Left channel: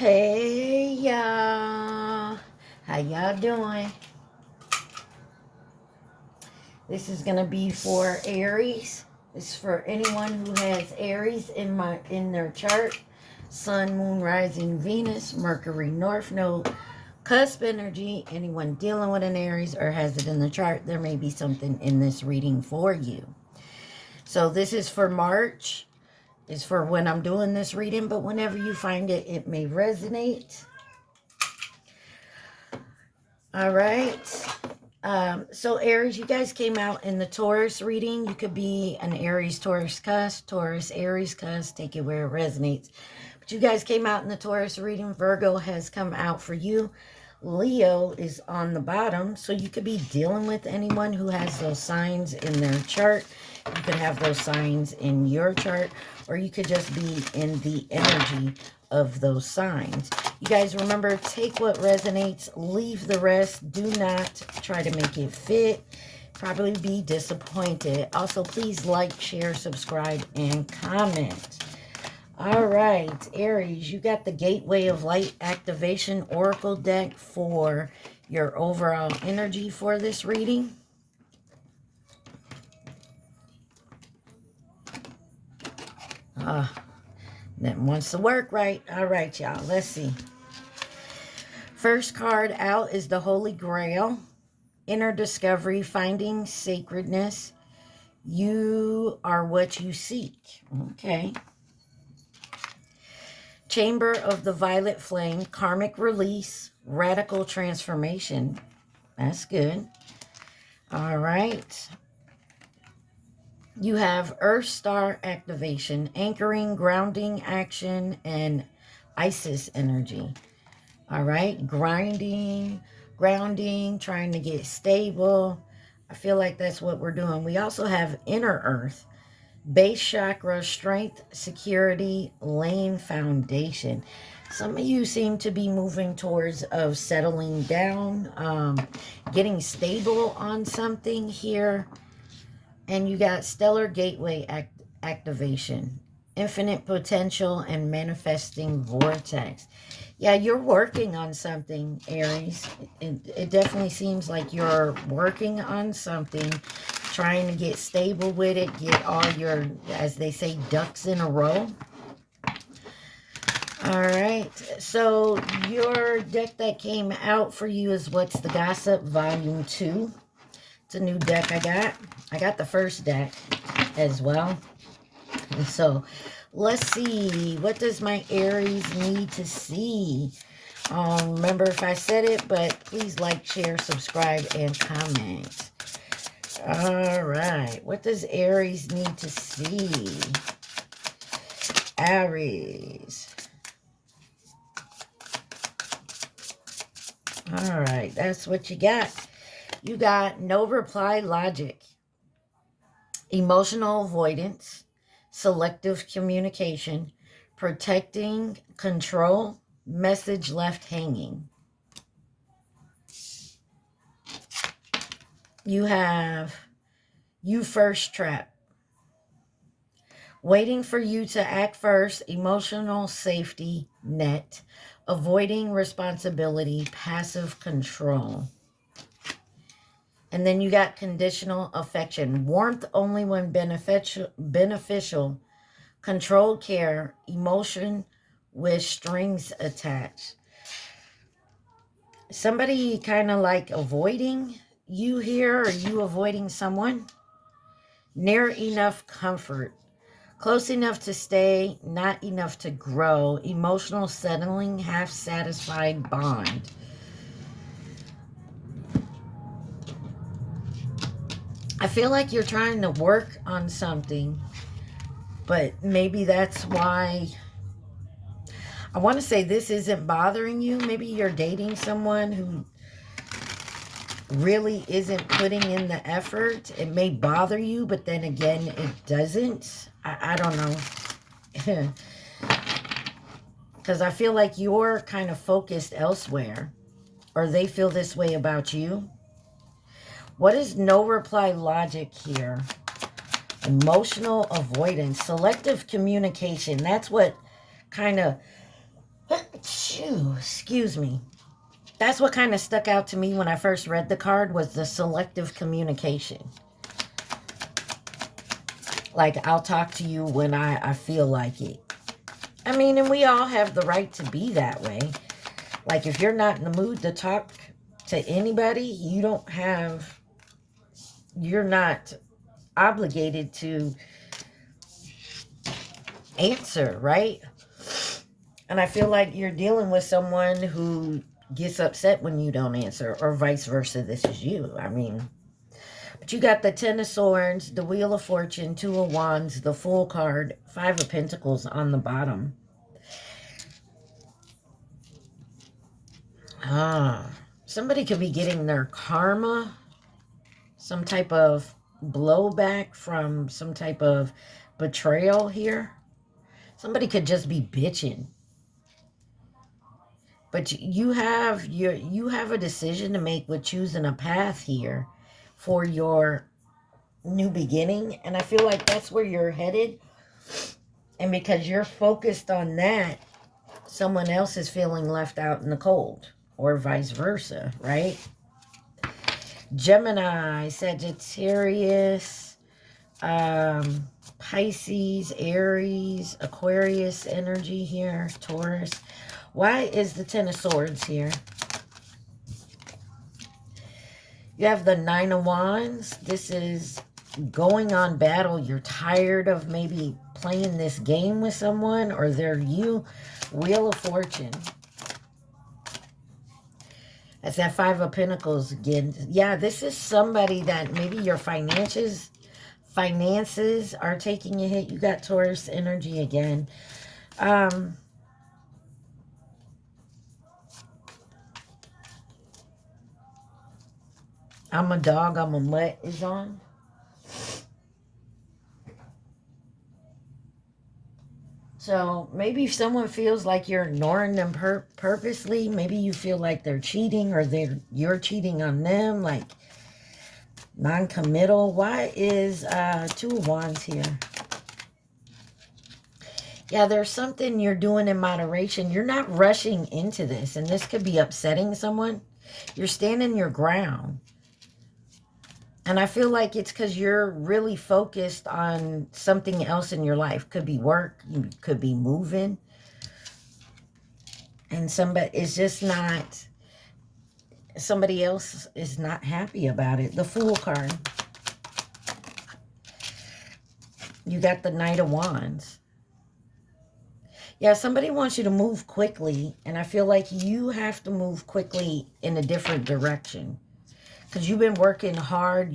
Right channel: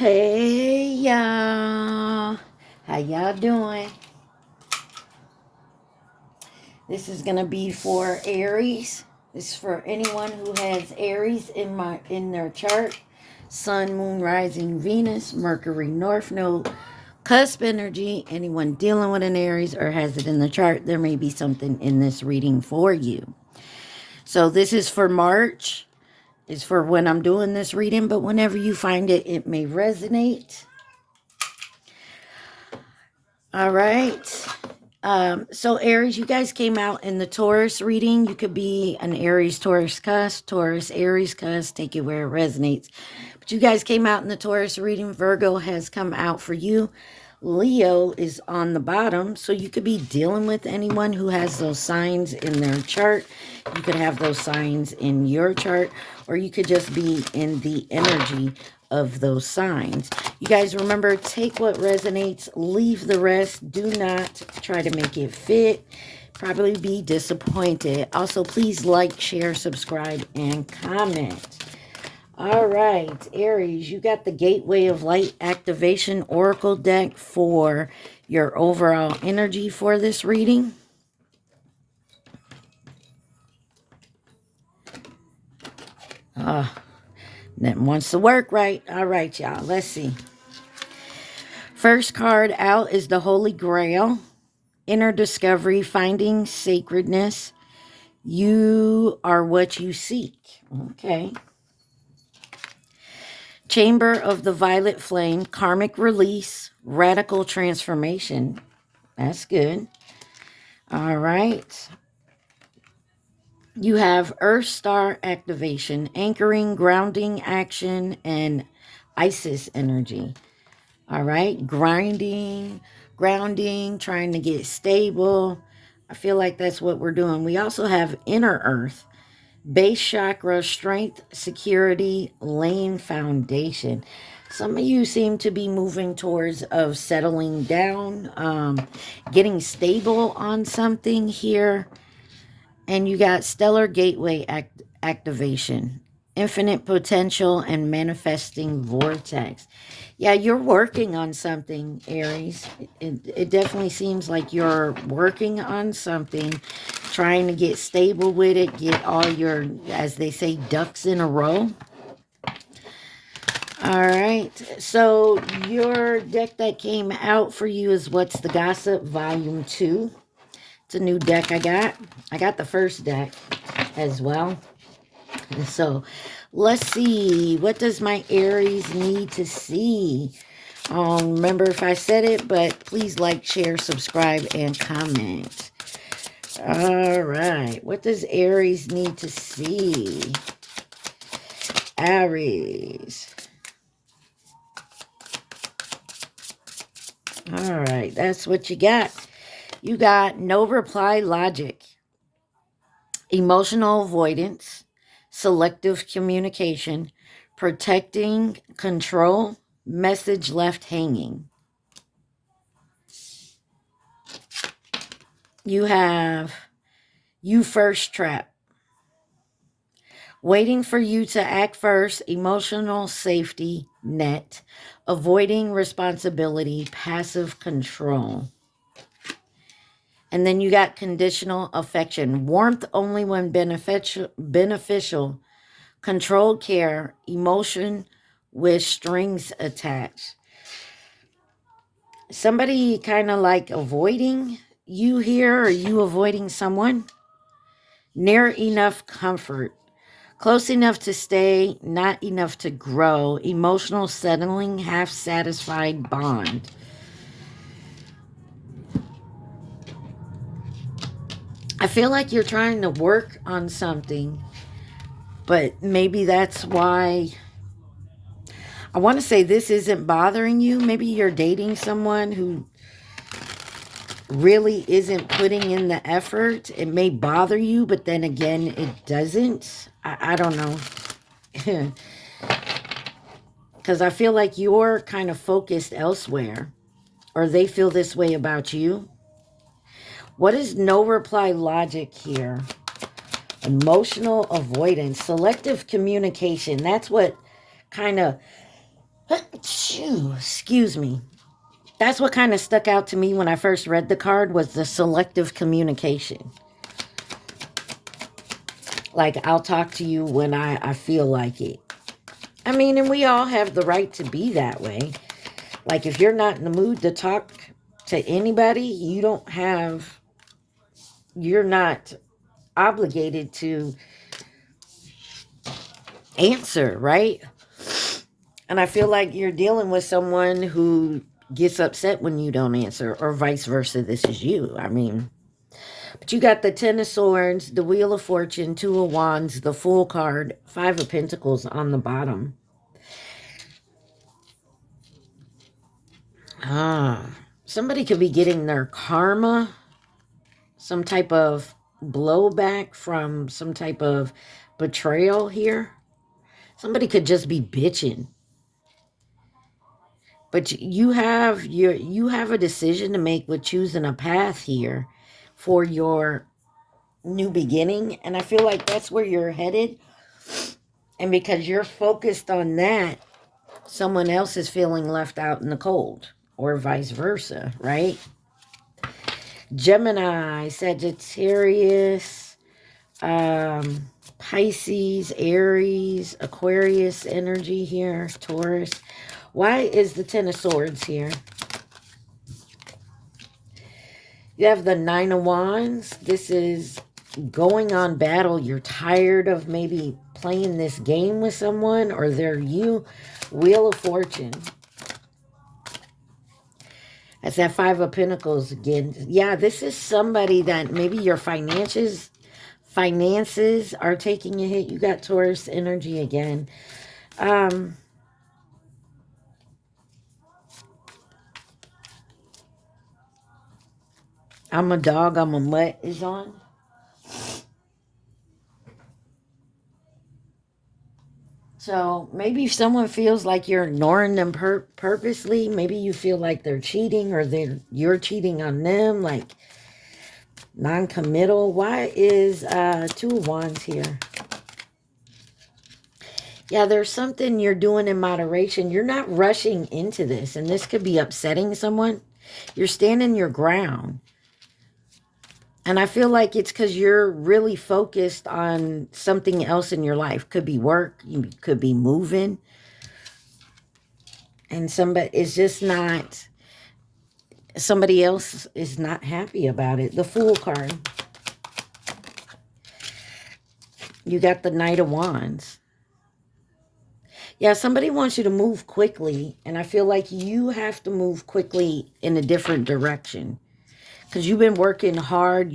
Hey y'all, how y'all doing? This is gonna be for Aries. This is for anyone who has Aries in their chart. Sun, Moon, Rising, Venus, Mercury, North Node, cusp energy. Anyone dealing with an Aries or has it in the chart, there may be something in this reading for you. So this is for March. It's for when I'm doing this reading, but whenever you find it, it may resonate. All right. So Aries, you guys came out in the Taurus reading. You could be an Aries, Taurus, cusp, Taurus, Aries, cusp. Take it where it resonates. But you guys came out in the Taurus reading. Virgo has come out for you. Leo is on the bottom. So you could be dealing with anyone who has those signs in their chart. You could have those signs in your chart, or you could just be in the energy of those signs. You guys remember, take what resonates, leave the rest. Do not try to make it fit. Probably be disappointed. Also, please like, share, subscribe, and comment. All right, Aries, you got the Gateway of Light Activation Oracle deck for your overall energy for this reading. That wants to work right. All right, y'all. Let's see. First card out is the Holy Grail. Inner discovery, finding sacredness. You are what you seek. Okay. Chamber of the Violet Flame, karmic release, radical transformation. That's good. All right. You have Earth Star activation, anchoring, grounding action, and Isis energy. All right. Grounding, trying to get stable. I feel like that's what we're doing. We also have Inner Earth, base chakra, strength, security, laying foundation. Some of you seem to be moving towards of settling down, getting stable on something here. And you got stellar gateway activation, infinite potential, and manifesting vortex. Yeah, you're working on something, Aries. It definitely seems like you're working on something, trying to get stable with it, get all your, as they say, ducks in a row. All right, so your deck that came out for you is What's the Gossip, Volume 2. It's a new deck I got. I got the first deck as well. And so let's see. What does my Aries need to see? Remember if I said it, but please like, share, subscribe, and comment. All right. What does Aries need to see? Aries. All right. That's what you got. You got no reply logic, emotional avoidance, selective communication, protecting control, message left hanging. You have you first trap, waiting for you to act first, emotional safety net, avoiding responsibility, passive control. And then you got conditional affection, warmth only when beneficial, controlled care, emotion with strings attached. Somebody kind of like avoiding you here, or you avoiding someone. Near enough comfort, close enough to stay, not enough to grow, emotional settling, half-satisfied bond. I feel like you're trying to work on something, but maybe that's why. I want to say this isn't bothering you. Maybe you're dating someone who really isn't putting in the effort. It may bother you, but then again, it doesn't. I don't know. Because I feel like you're kind of focused elsewhere, or they feel this way about you. What is no reply logic here? Emotional avoidance, selective communication. That's what kind of Excuse me. That's what kind of stuck out to me when I first read the card, was the selective communication. Like, I'll talk to you when I feel like it. I mean, and we all have the right to be that way. Like, if you're not in the mood to talk to anybody, you're not obligated to answer, right? And I feel like you're dealing with someone who gets upset when you don't answer, or vice versa. This is you. I mean, but you got the Ten of Swords, the Wheel of Fortune, Two of Wands, the Fool card, Five of Pentacles on the bottom. Somebody could be getting their karma, some type of blowback from some type of betrayal here. Somebody could just be bitching. But you have a decision to make with choosing a path here for your new beginning. And I feel like that's where you're headed. And because you're focused on that, someone else is feeling left out in the cold, or vice versa, right? Gemini, Sagittarius, Pisces, Aries, Aquarius energy here, Taurus. Why is the Ten of Swords here? You have the Nine of Wands. This is going on battle. You're tired of maybe playing this game with someone, or they're you. Wheel of Fortune. That's that Five of Pentacles again. Yeah, this is somebody that maybe your finances are taking a hit. You got Taurus energy again. I'm a dog, I'm a mutt is on. So maybe if someone feels like you're ignoring them purposely, maybe you feel like they're cheating, or you're cheating on them, like non-committal. Why is Two of Wands here? Yeah, there's something you're doing in moderation. You're not rushing into this, and this could be upsetting someone. You're standing your ground. And I feel like it's because you're really focused on something else in your life. Could be work. You could be moving. And somebody else is not happy about it. The Fool card. You got the Knight of Wands. Yeah, somebody wants you to move quickly. And I feel like you have to move quickly in a different direction. Because you've been working hard.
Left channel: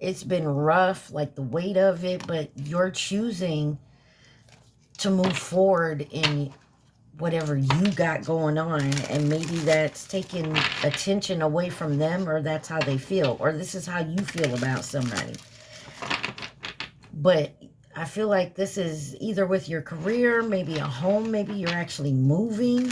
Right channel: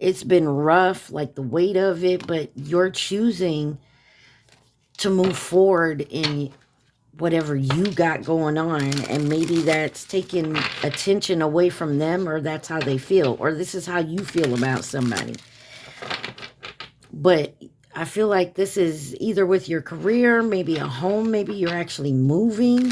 It's been rough, like the weight of it, but you're choosing to move forward in whatever you got going on. And maybe that's taking attention away from them, or that's how they feel, or this is how you feel about somebody. But I feel like this is either with your career, maybe a home, maybe you're actually moving,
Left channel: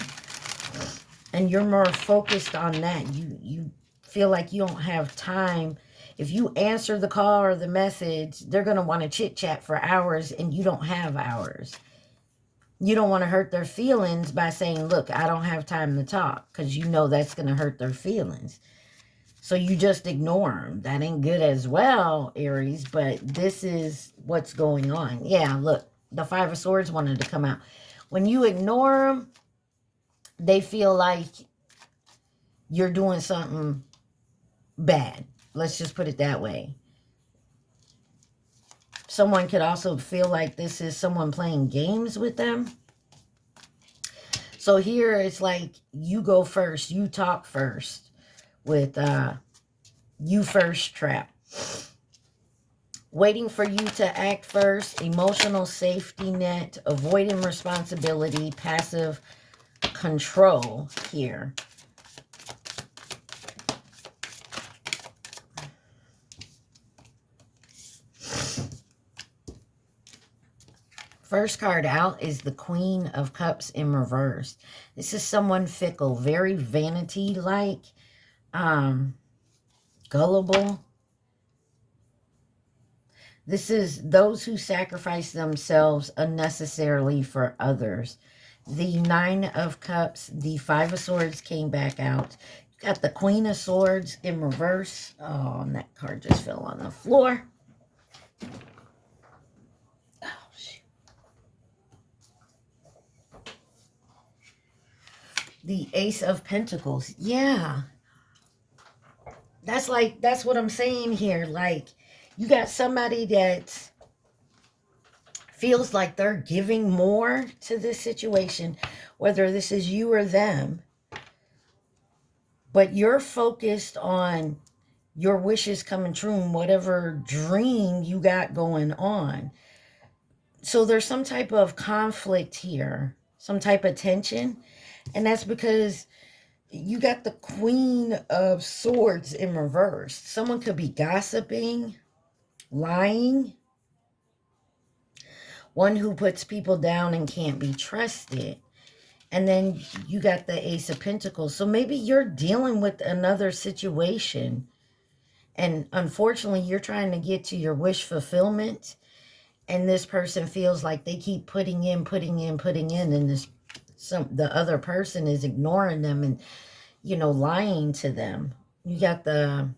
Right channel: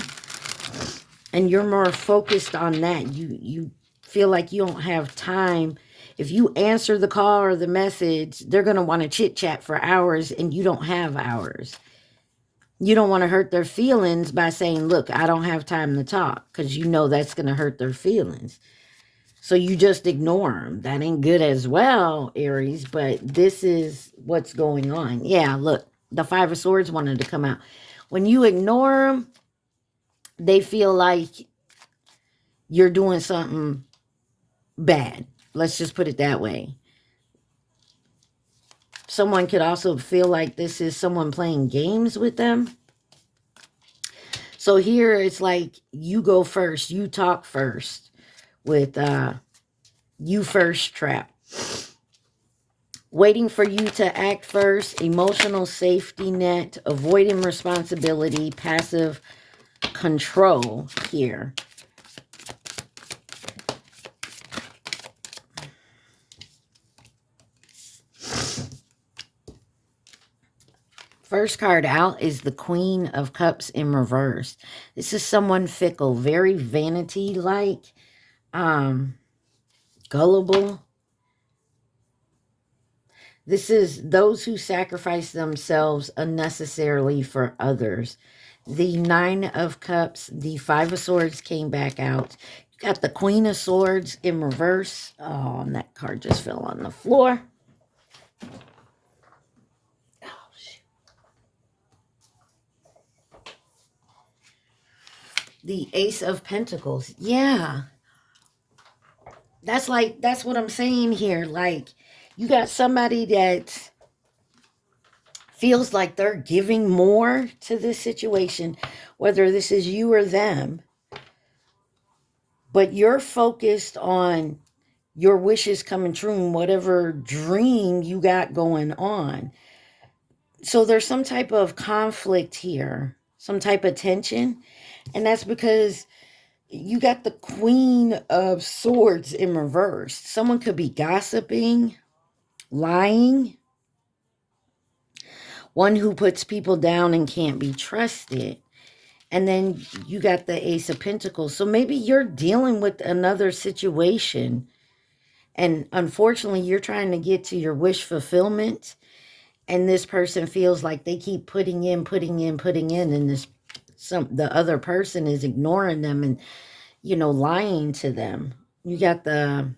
and you're more focused on that. You feel like you don't have time. If you answer the call or the message, they're going to want to chit chat for hours, and you don't have hours. You don't want to hurt their feelings by saying, look, I don't have time to talk, because you know that's going to hurt their feelings. So you just ignore them. That ain't good as well, Aries, but this is what's going on. Yeah, look, the Five of Swords wanted to come out. When you ignore them, they feel like you're doing something bad. Let's just put it that way. Someone could also feel like this is someone playing games with them. So here it's like you go first. You talk first with you first trap. Waiting for you to act first. Emotional safety net. Avoiding responsibility. Passive control here. First card out is the Queen of Cups in reverse. This is someone fickle, very vanity-like, gullible. This is those who sacrifice themselves unnecessarily for others. the Nine of Cups, the Five of Swords came back out. You got the Queen of Swords in reverse. Oh, and that card just fell on the floor. Oh, shoot. The Ace of Pentacles. Yeah. That's what I'm saying here. Like, you got somebody that feels like they're giving more to this situation, whether this is you or them, but you're focused on your wishes coming true and whatever dream you got going on. So there's some type of conflict here, some type of tension, and that's because you got the Queen of Swords in reverse. Someone could be gossiping, lying, one who puts people down and can't be trusted. And then you got the Ace of Pentacles. So maybe you're dealing with another situation. And unfortunately, you're trying to get to your wish fulfillment. And this person feels like they keep putting in. And the other person is ignoring them and, lying to them. You got the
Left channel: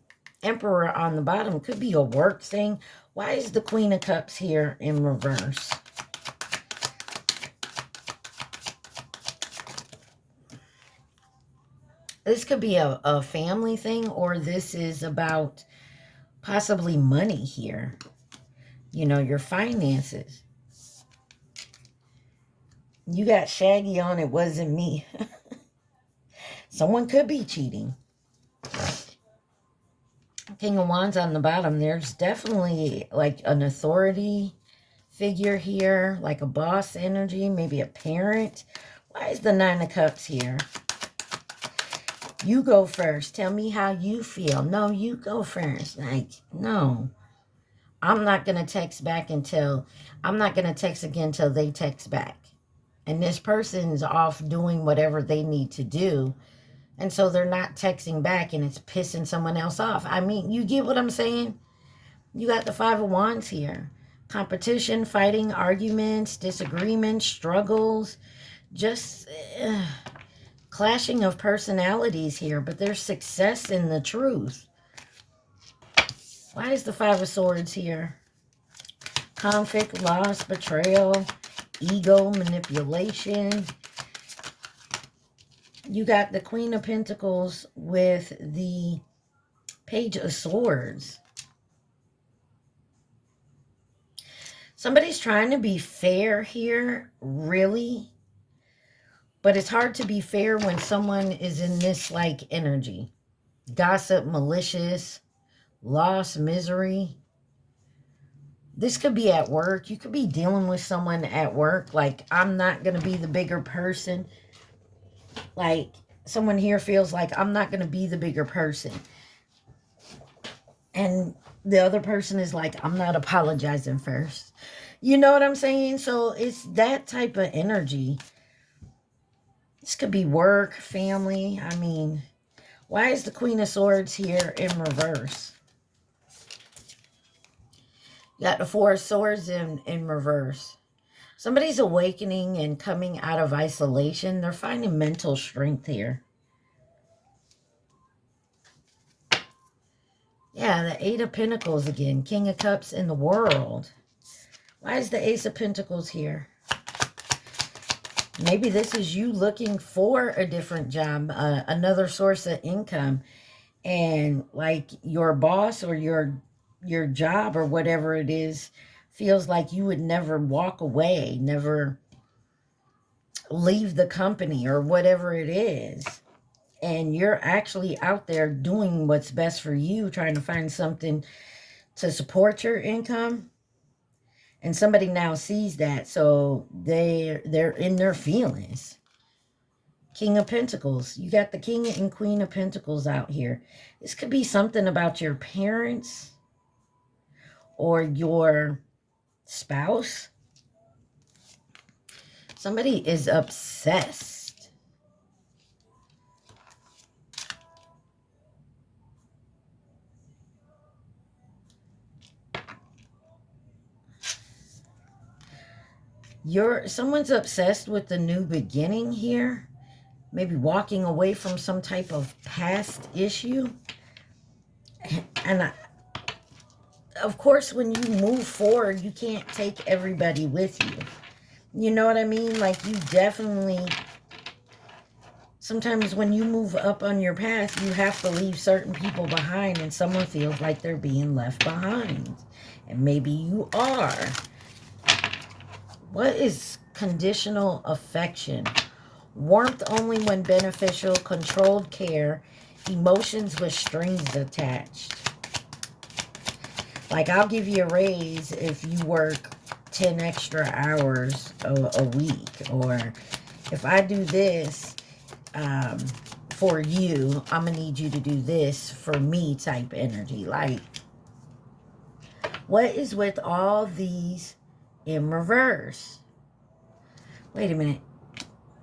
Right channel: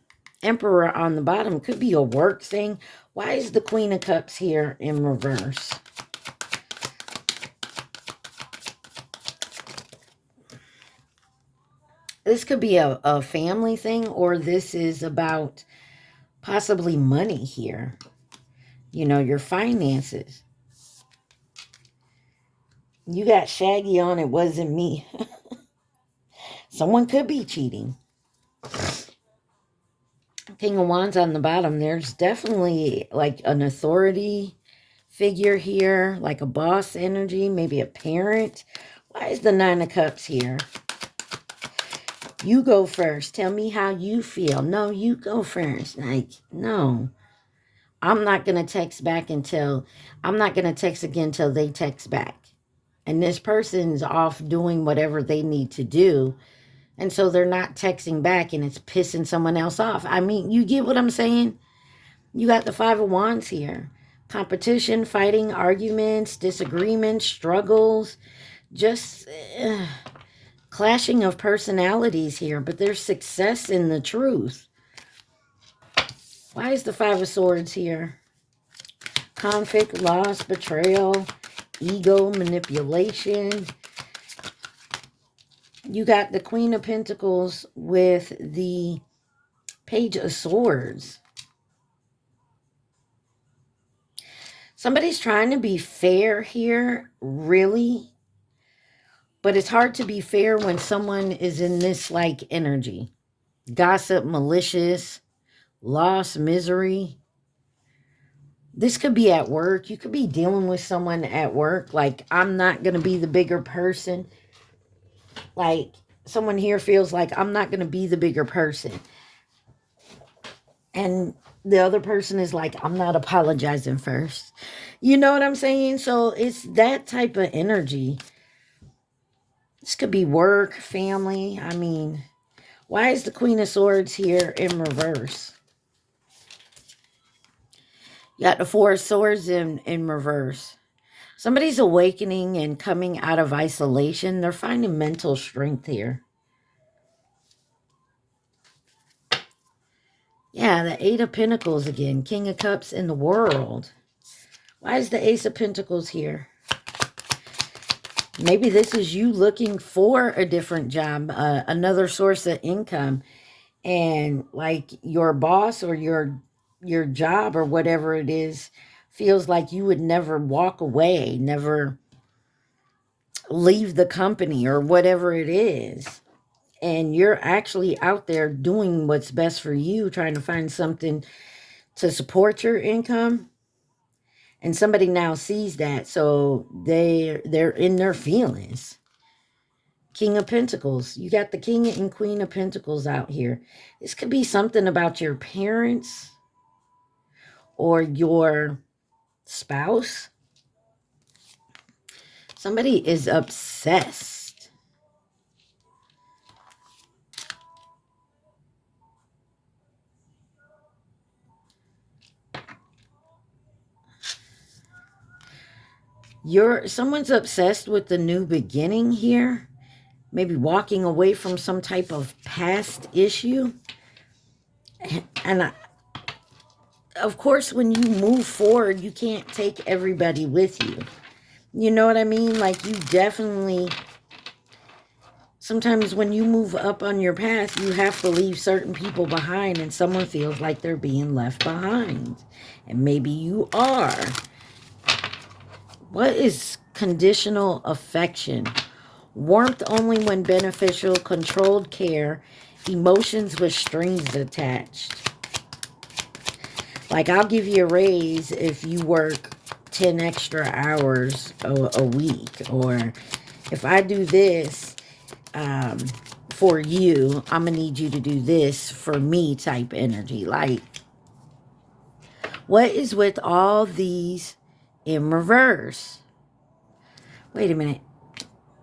Emperor on the bottom. Could be a work thing. Why is the Queen of Cups here in reverse? This could be a family thing, or this is about possibly money here. Your finances. You got Shaggy on, it wasn't me. Someone could be cheating. King of Wands on the bottom. There's definitely like an authority figure here, like a boss energy, maybe a parent. Why is the Nine of Cups here? You go first. Tell me how you feel. No, you go first. Like, no. I'm not going to text back I'm not going to text again until they text back. And this person's off doing whatever they need to do. And so they're not texting back and it's pissing someone else off. I mean, you get what I'm saying? You got the Five of Wands here. Competition, fighting, arguments, disagreements, struggles, just clashing of personalities here. But there's success in the truth. Why is the Five of Swords here? Conflict, loss, betrayal, ego, manipulation. You got the Queen of Pentacles with the Page of Swords. Somebody's trying to be fair here, really. But it's hard to be fair when someone is in this like energy. Gossip, malicious, loss, misery. This could be at work. You could be dealing with someone at work. Like, I'm not going to be the bigger person. Like, someone here feels like I'm not going to be the bigger person. And the other person is like, I'm not apologizing first. You know what I'm saying? So it's that type of energy. This could be work, family. I mean, why is the Queen of Swords here in reverse? You got the Four of Swords in reverse. Somebody's awakening and coming out of isolation. They're finding mental strength here. Yeah, the Eight of Pentacles again. King of Cups in the World. Why is the Ace of Pentacles here? Maybe this is you looking for a different job, another source of income. And like your boss or your job or whatever it is feels like you would never walk away, never leave the company or whatever it is. And you're actually out there doing what's best for you, trying to find something to support your income. And somebody now sees that, so they're in their feelings. King of Pentacles. You got the King and Queen of Pentacles out here. This could be something about your parents or your spouse. Somebody is obsessed. Someone's obsessed with the new beginning here. Maybe walking away from some type of past issue. And of course, when you move forward, you can't take everybody with you. You know what I mean? Like, you definitely, sometimes when you move up on your path, you have to leave certain people behind, and someone feels like they're being left behind. And maybe you are. What is conditional affection? Warmth only when beneficial, controlled care, emotions with strings attached. Like, I'll give you a raise if you work 10 extra hours a week. Or if I do this for you, I'm going to need you to do this for me type energy. Like, what is with all these in reverse? Wait a minute.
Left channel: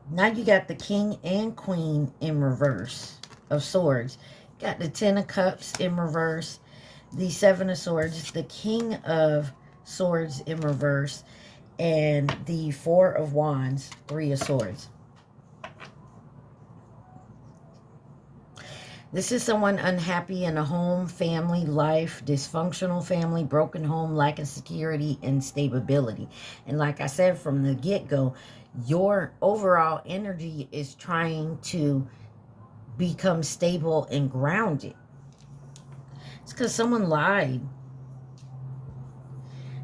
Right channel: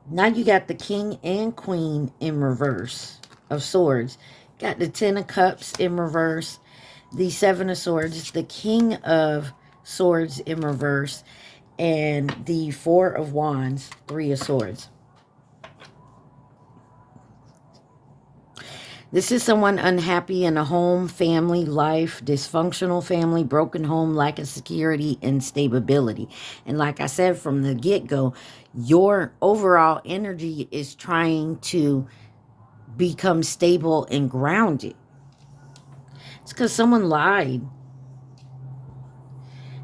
Now you got the King and Queen in reverse of Swords. Got the Ten of Cups in reverse. The Seven of Swords. The King of Swords in reverse. And the Four of Wands. Three of Swords. This is someone unhappy in a home, family, life, dysfunctional family, broken home, lack of security and stability. And like I said from the get-go, your overall energy is trying to become stable and grounded. It's because someone lied.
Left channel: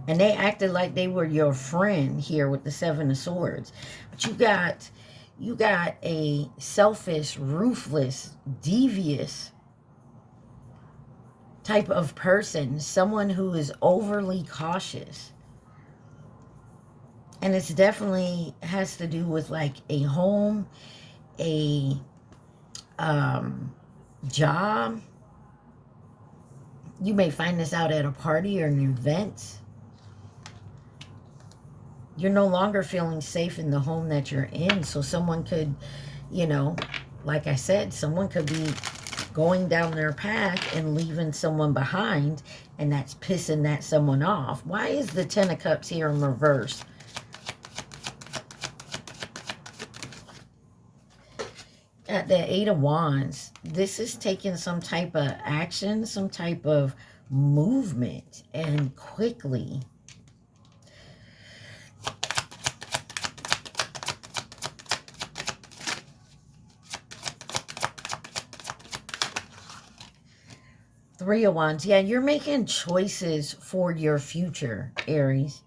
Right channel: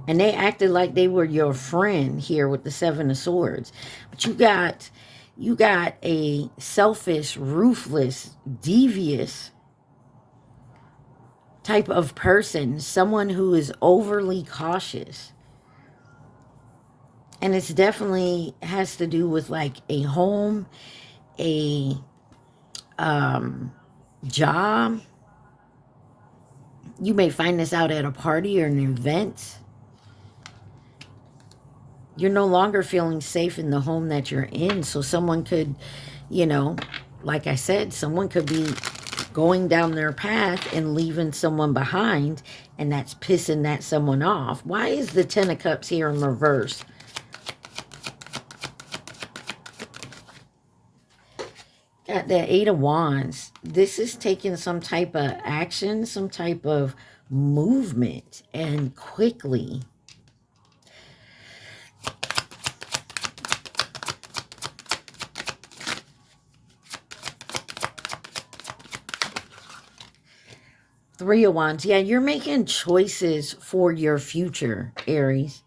And they acted like they were your friend here with the Seven of Swords. But you got a selfish, ruthless, devious type of person. Someone who is overly cautious. And it's definitely has to do with like a home, a job. You may find this out at a party or an event. You're no longer feeling safe in the home that you're in. So someone could, you know, like I said, someone could be going down their path and leaving someone behind, and that's pissing that someone off. Why is the Ten of Cups here in reverse? At the Eight of Wands, this is taking some type of action, some type of movement, and quickly. Three of Wands. Yeah, you're making choices for your future, Aries.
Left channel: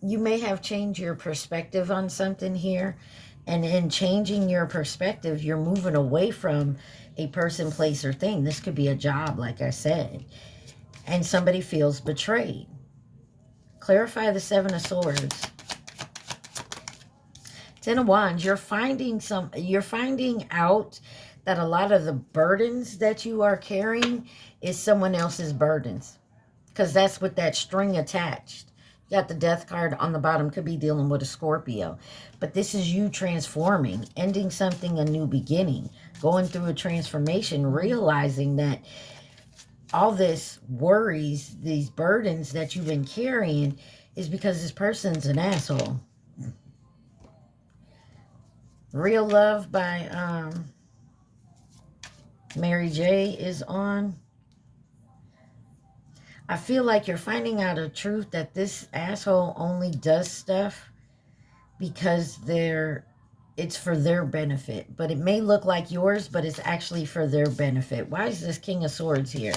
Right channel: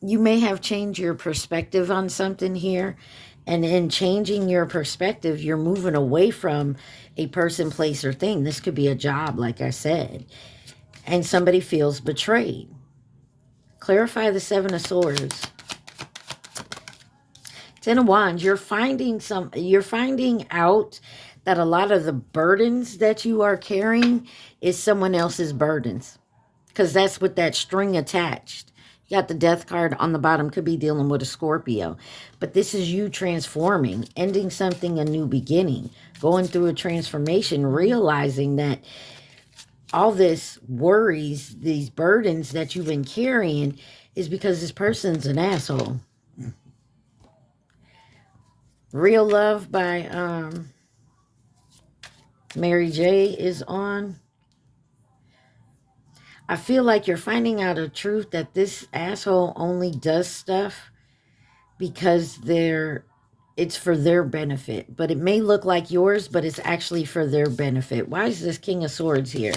You may have changed your perspective on something here. And in changing your perspective, you're moving away from a person, place, or thing. This could be a job, like I said. And somebody feels betrayed. Clarify the Seven of Swords. Ten of Wands. You're finding out that a lot of the burdens that you are carrying is someone else's burdens. Because that's with that string attached. You got the Death card on the bottom. Could be dealing with a Scorpio. But this is you transforming, ending something, a new beginning, going through a transformation, realizing that all this worries, these burdens that you've been carrying is because this person's an asshole. Real Love by Mary J is on. I feel like you're finding out a truth that this asshole only does stuff because it's for their benefit. But it may look like yours, but it's actually for their benefit. Why is this King of Swords here?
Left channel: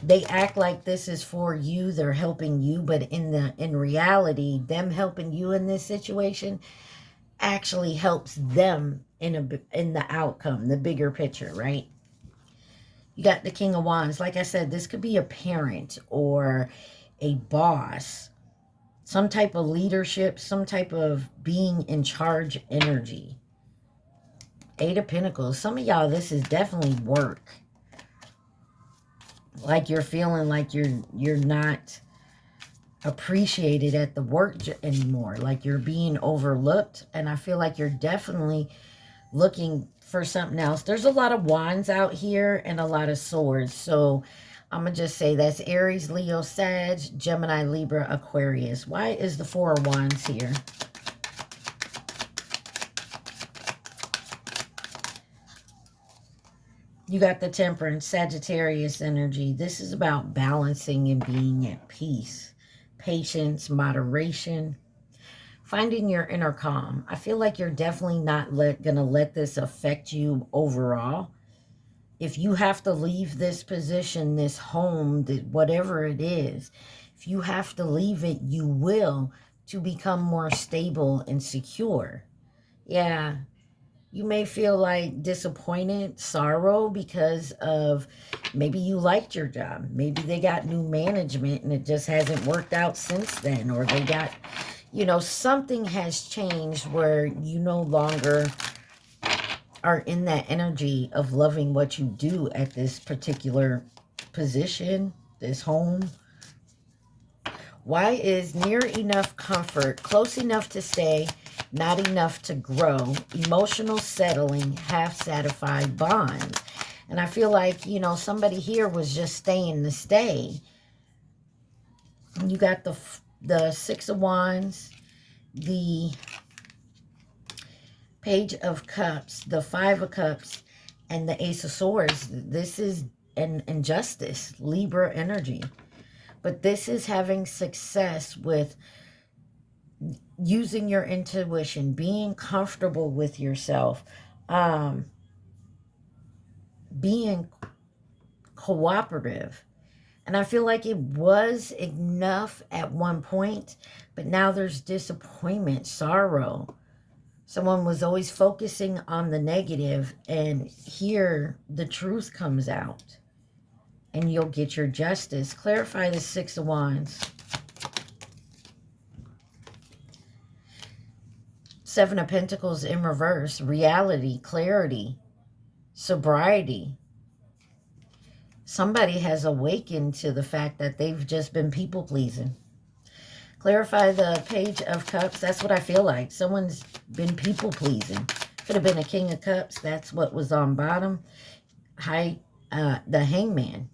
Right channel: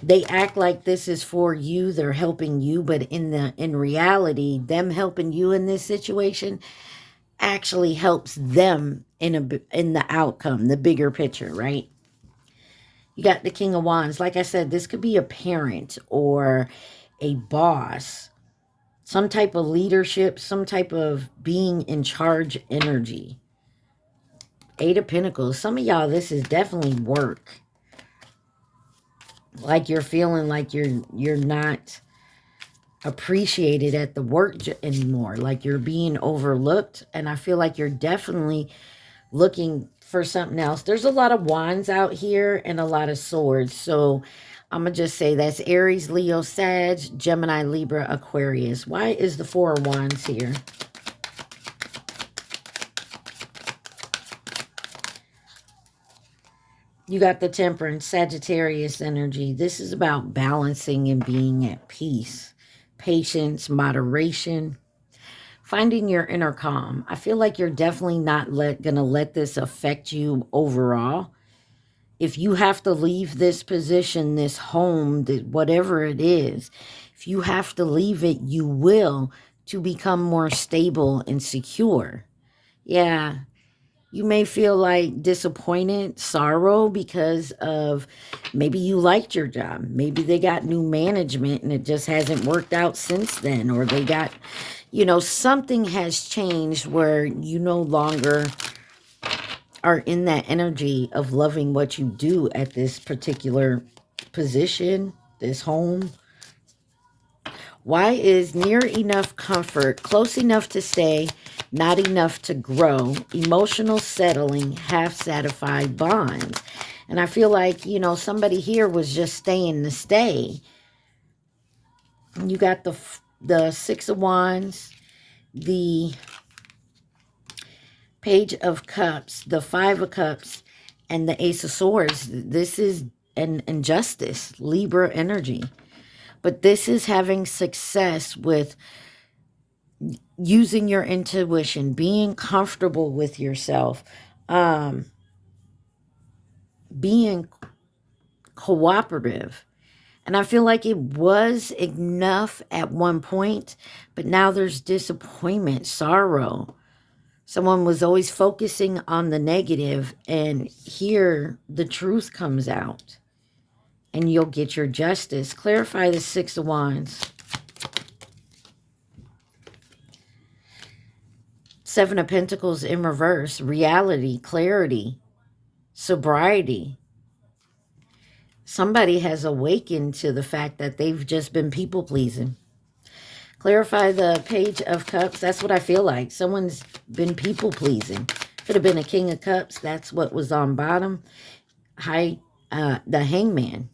They act like this is for you. They're helping you. But in reality, them helping you in this situation actually helps them in the outcome, the bigger picture, right? You got the King of Wands. Like I said, this could be a parent or a boss. Some type of leadership, some type of being in charge energy. Eight of Pentacles. Some of y'all, this is definitely work. Like you're feeling like you're not appreciated at the work anymore. Like you're being overlooked. And I feel like you're definitely looking for something else. There's a lot of wands out here and a lot of swords. So I'm going to just say that's Aries, Leo, Sag, Gemini, Libra, Aquarius. Why is the Four of Wands here? You got the Temperance, Sagittarius energy. This is about balancing and being at peace. Patience, moderation, finding your inner calm. I feel like you're definitely not going to let this affect you overall. If you have to leave this position, this home, whatever it is, if you have to leave it, you will, to become more stable and secure. Yeah, you may feel like disappointed, sorrow, because of maybe you liked your job. Maybe they got new management and it just hasn't worked out since then. Or they got, you know, something has changed where you no longer are in that energy of loving what you do at this particular position, this home. Why is near enough comfort, close enough to stay, not enough to grow, emotional settling, half-satisfied bonds? And I feel like, you know, somebody here was just staying to stay. You got the Six of Wands, the Page of Cups, the Five of Cups, and the Ace of Swords. This is an injustice, Libra energy. But this is having success with using your intuition, being comfortable with yourself, being cooperative. And I feel like it was enough at one point, but now there's disappointment, sorrow. Someone was always focusing on the negative, and here the truth comes out, and you'll get your justice. Clarify the Six of Wands. Seven of Pentacles in reverse. Reality, clarity, sobriety. Somebody has awakened to the fact that they've just been people-pleasing. Clarify the Page of Cups. That's what I feel like. Someone's been people-pleasing. Could have been a King of Cups. That's what was on bottom. The Hangman.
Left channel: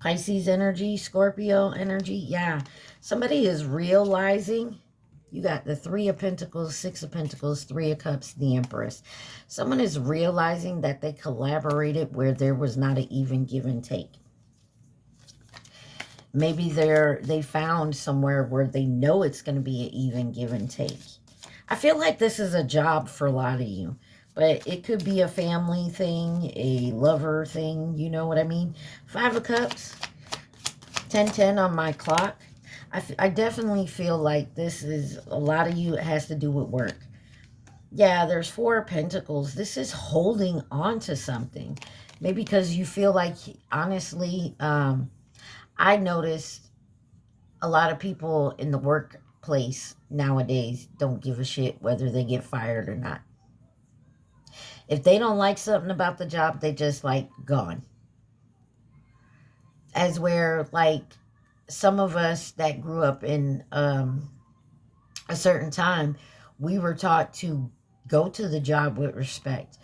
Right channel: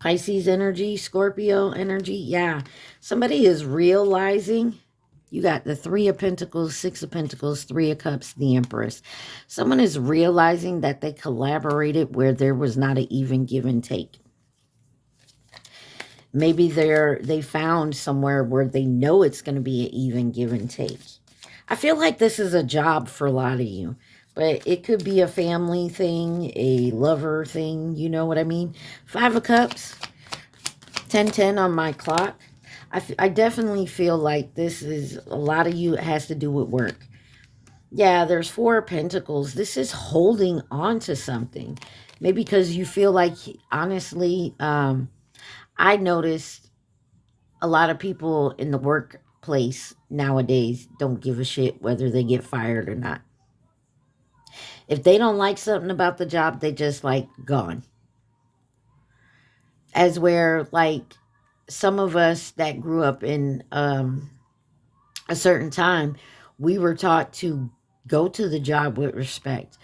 Pisces energy, Scorpio energy. Yeah. Somebody is realizing. You got the Three of Pentacles, Six of Pentacles, Three of Cups, the Empress. Someone is realizing that they collaborated where there was not an even give and take. Maybe they found somewhere where they know it's going to be an even give and take. I feel like this is a job for a lot of you. But it could be a family thing, a lover thing. You know what I mean? Five of Cups, 10:10 on my clock. I definitely feel like this is, a lot of you, it has to do with work. Yeah, there's Four of Pentacles. This is holding on to something. Maybe because you feel like, honestly, I noticed a lot of people in the workplace nowadays don't give a shit whether they get fired or not. If they don't like something about the job, they just like gone. As where like some of us that grew up in a certain time, we were taught to go to the job with respect,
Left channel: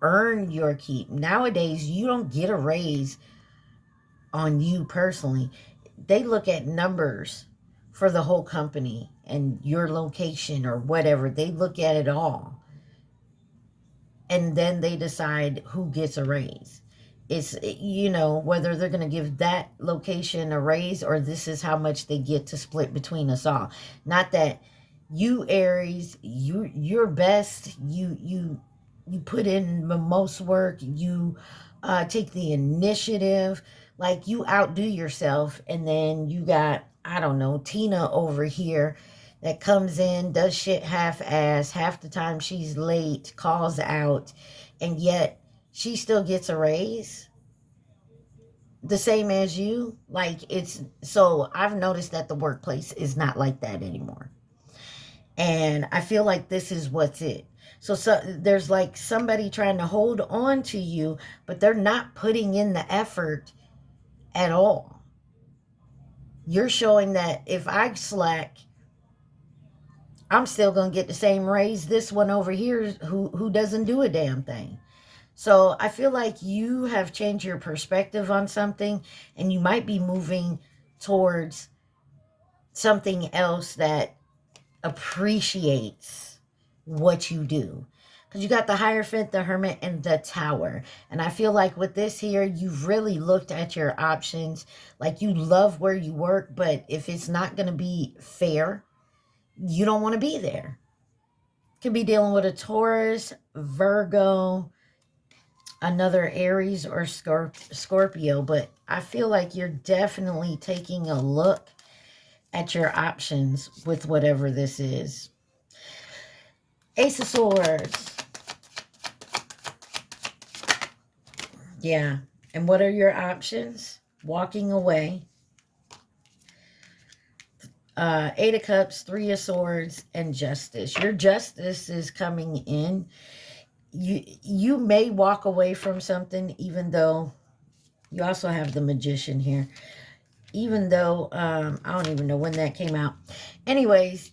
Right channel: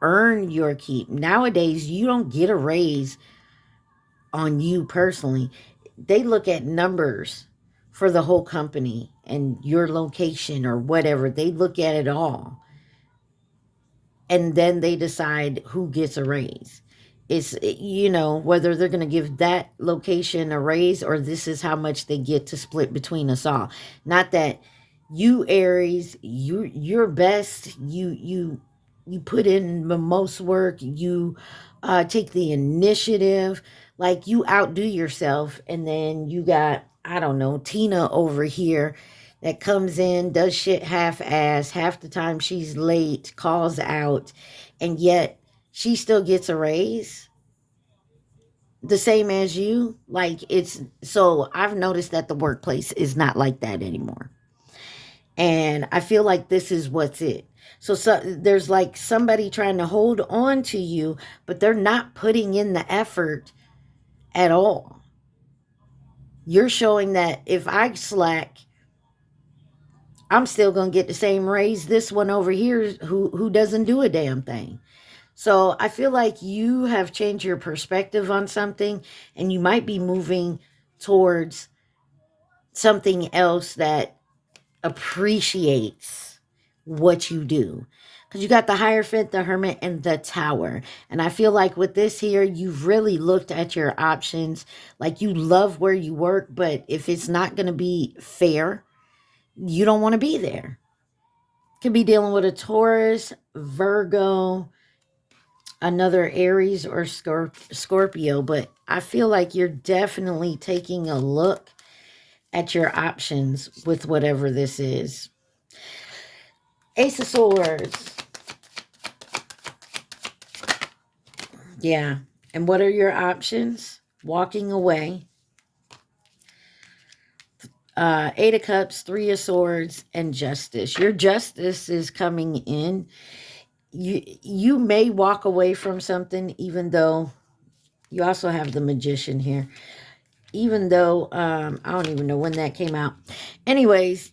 earn your keep. Nowadays, you don't get a raise on you personally. They look at numbers for the whole company and your location or whatever. They look at it all. And then they decide who gets a raise. It's, you know, whether they're going to give that location a raise or this is how much they get to split between us all. Not that you, Aries, you're best. You put in the most work. You take the initiative. Like, you outdo yourself. And then you got, I don't know, Tina over here that comes in, does shit half-ass. Half the time she's late, calls out, and yet she still gets a raise the same as you. Like, it's, so I've noticed that the workplace is not like that anymore. And I feel like this is what's it. So there's like somebody trying to hold on to you, but they're not putting in the effort at all. You're showing that if I slack, I'm still going to get the same raise this one over here who doesn't do a damn thing. So I feel like you have changed your perspective on something, and you might be moving towards something else that appreciates what you do. Because you got the Hierophant, the Hermit, and the Tower. And I feel like with this here, you've really looked at your options. Like, you love where you work, but if it's not going to be fair, you don't want to be there. Could be dealing with a Taurus, Virgo, another Aries, or Scorpio. But I feel like you're definitely taking a look at your options with whatever this is. Ace of Swords. Yeah. And what are your options? Walking away. Eight of Cups, Three of Swords, and Justice. Your justice is coming in. You may walk away from something, even though you also have the Magician here. Even though, I don't even know when that came out. Anyways,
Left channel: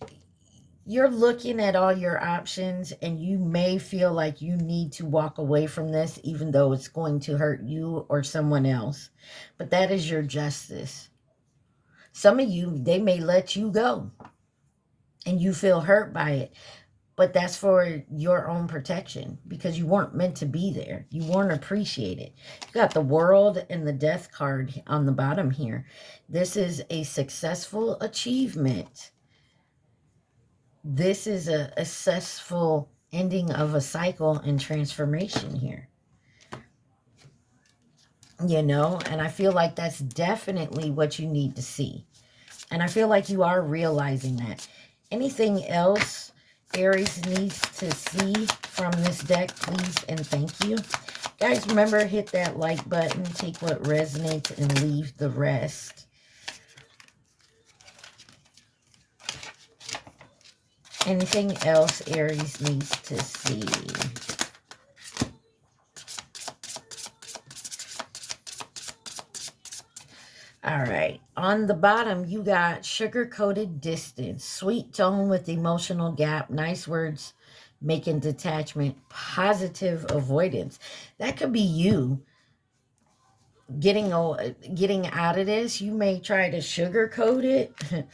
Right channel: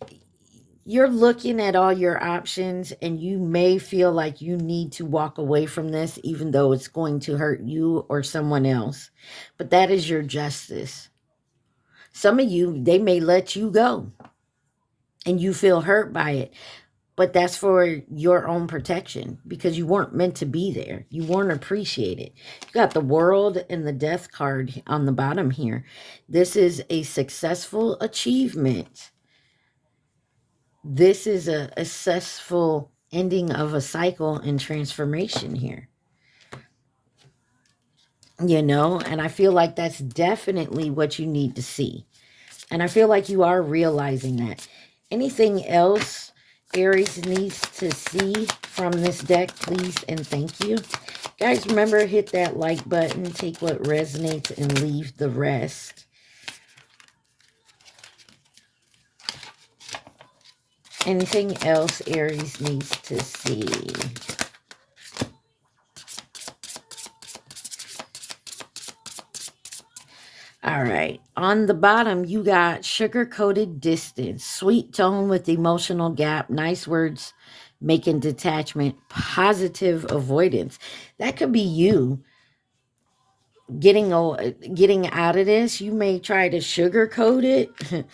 you're looking at all your options, and you may feel like you need to walk away from this, even though it's going to hurt you or someone else. But that is your justice. Some of you, they may let you go, and you feel hurt by it. But that's for your own protection, because you weren't meant to be there. You weren't appreciated. You got the World and the Death card on the bottom here. This is a successful achievement. This is a successful ending of a cycle and transformation here. You know, and I feel like that's definitely what you need to see. And I feel like you are realizing that. Anything else Aries needs to see from this deck, please and thank you. Guys, remember, hit that like button, take what resonates, and leave the rest. Anything else Aries needs to see? All right. On the bottom, you got sugar-coated distance, sweet tone with emotional gap, nice words making detachment, positive avoidance. That could be you getting out of this. You may try to sugarcoat it,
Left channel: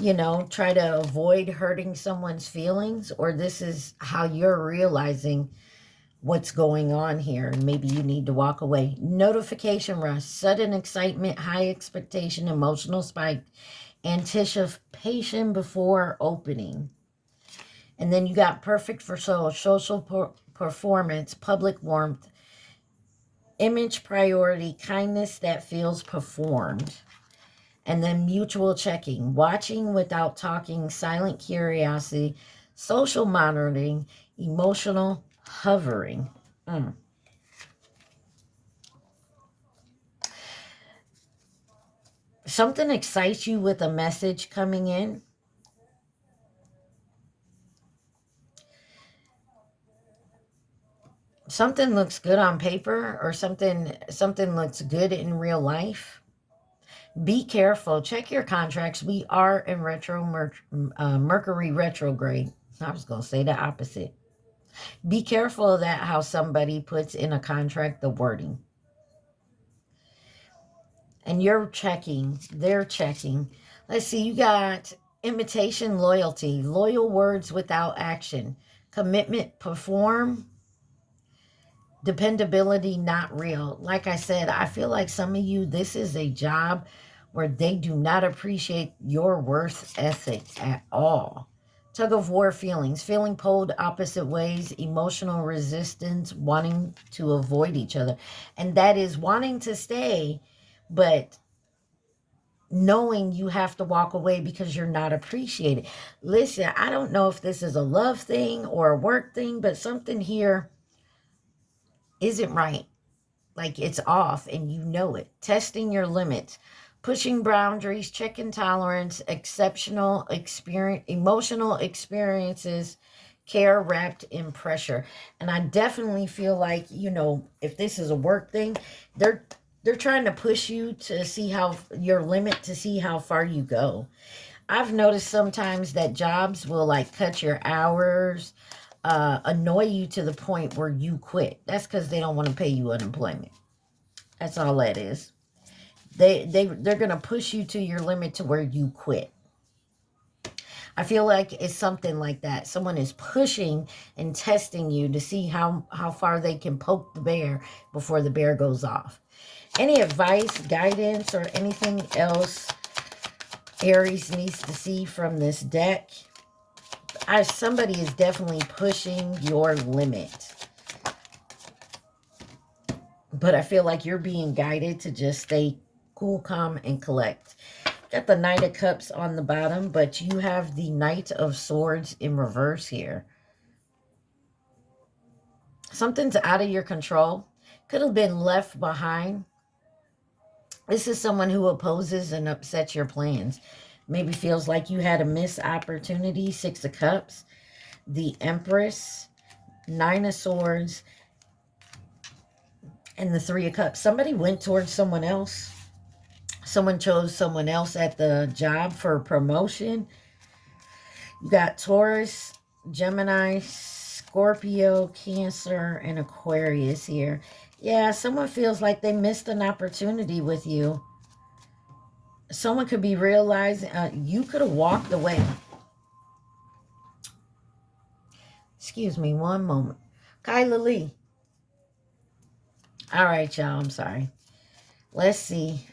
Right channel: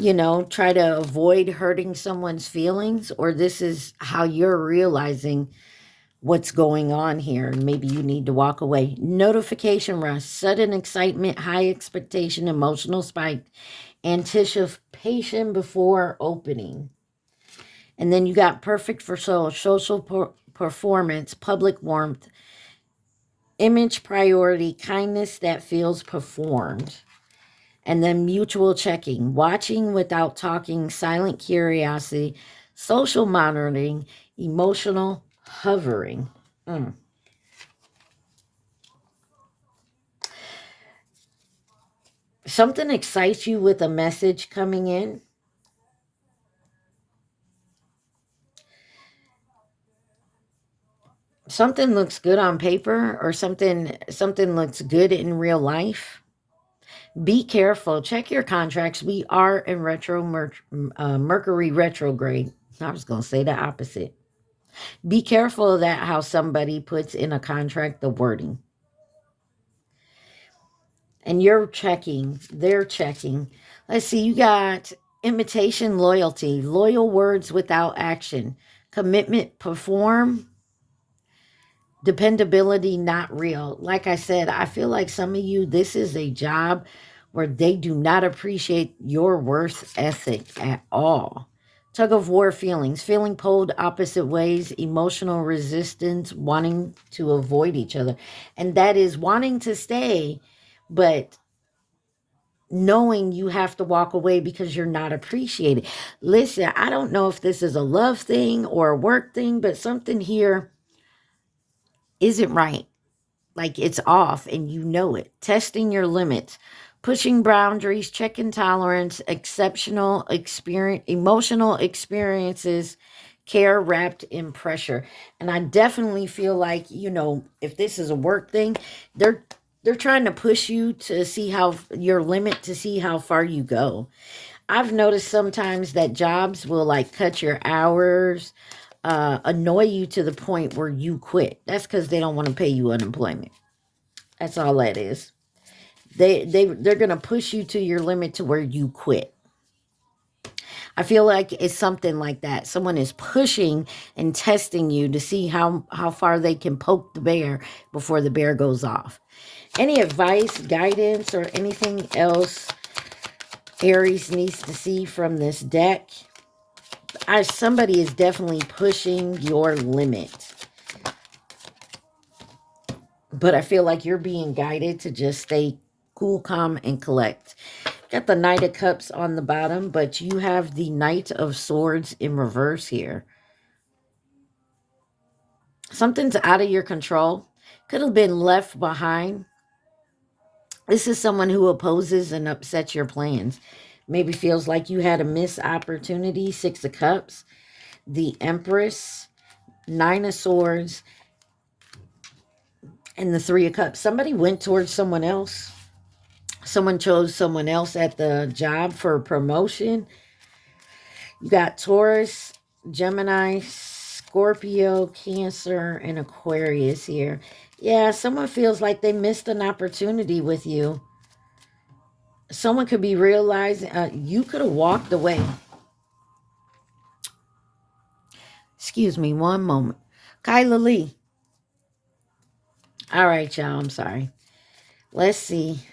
you know, try to avoid hurting someone's feelings, or this is how you're realizing what's going on here. Maybe you need to walk away. Notification rush, sudden excitement, high expectation, emotional spike, anticipation before opening. And then you got perfect for soul, social performance, public warmth, image priority, kindness that feels performed. And then mutual checking, watching without talking, silent curiosity, social monitoring, emotional hovering. Something excites you with a message coming in. Something looks good on paper, or something looks good in real life. Be careful. Check your contracts. We are in Mercury retrograde. I was going to say the opposite. Be careful of that, how somebody puts in a contract the wording. And you're checking. They're checking. Let's see. You got imitation loyalty. Loyal words without action. Commitment perform. Dependability not real. Like I said, I feel like some of you, this is a job where they do not appreciate your worth ethic at all. Tug of war feelings, feeling pulled opposite ways, emotional resistance, wanting to avoid each other. And that is wanting to stay, but knowing you have to walk away because you're not appreciated. Listen, I don't know if this is a love thing or a work thing, but something here isn't right. Like, it's off and you know it. Testing your limits, pushing boundaries, checking tolerance, exceptional experience, emotional experiences, care wrapped in pressure. And I definitely feel like, you know, if this is a work thing, they're trying to push you to see how your limit, to see how far you go. I've noticed sometimes that jobs will like cut your hours, annoy you to the point where you quit. That's because they don't want to pay you unemployment. That's all that is. They're going to push you to your limit to where you quit. I feel like it's something like that. Someone is pushing and testing you to see how far they can poke the bear before the bear goes off. Any advice, guidance, or anything else Aries needs to see from this deck? Somebody is definitely pushing your limit. But I feel like you're being guided to just stay cool, calm, and collect. Got the Knight of Cups on the bottom, but you have the Knight of Swords in reverse here. Something's out of your control. Could have been left behind. This is someone who opposes and upsets your plans. Maybe feels like you had a missed opportunity. Six of Cups, the Empress, Nine of Swords, and the Three of Cups. Somebody went towards someone else. Someone chose someone else at the job for a promotion. You got Taurus, Gemini, Scorpio, Cancer, and Aquarius here. Yeah, someone feels like they missed an opportunity with you. Someone could be realizing you could have walked away. Excuse me, one moment. Kyla Lee. All right, y'all, I'm sorry. Let's see.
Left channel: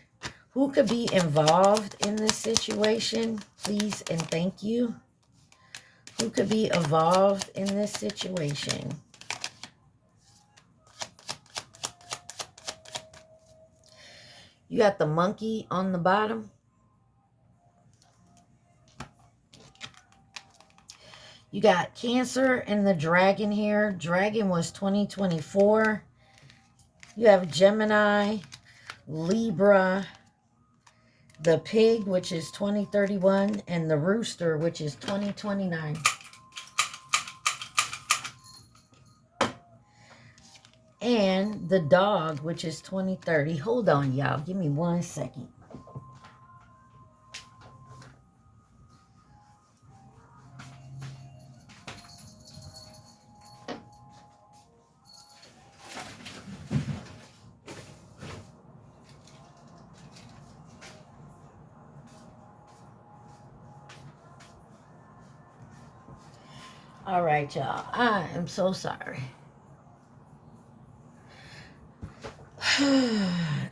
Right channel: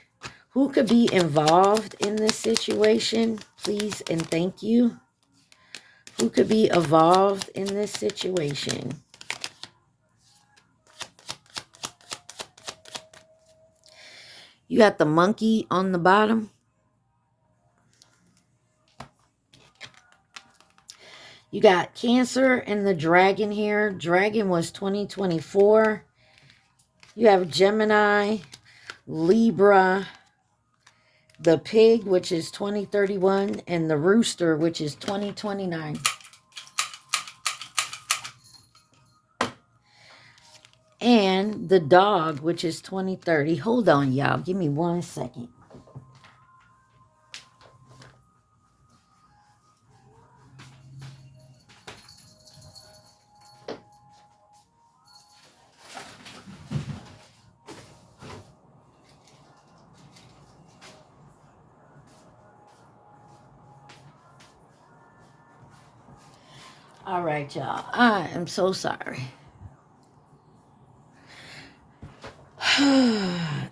Who could be involved in this situation? Please and thank you. Who could be involved in this situation? You got the monkey on the bottom. You got Cancer and the dragon here. Dragon was 2024. You have Gemini, Libra, the pig, which is 2031, and the rooster, which is 2029. And the dog, which is 2030. Hold on, y'all. Give me 1 second. All right, y'all. I am so sorry.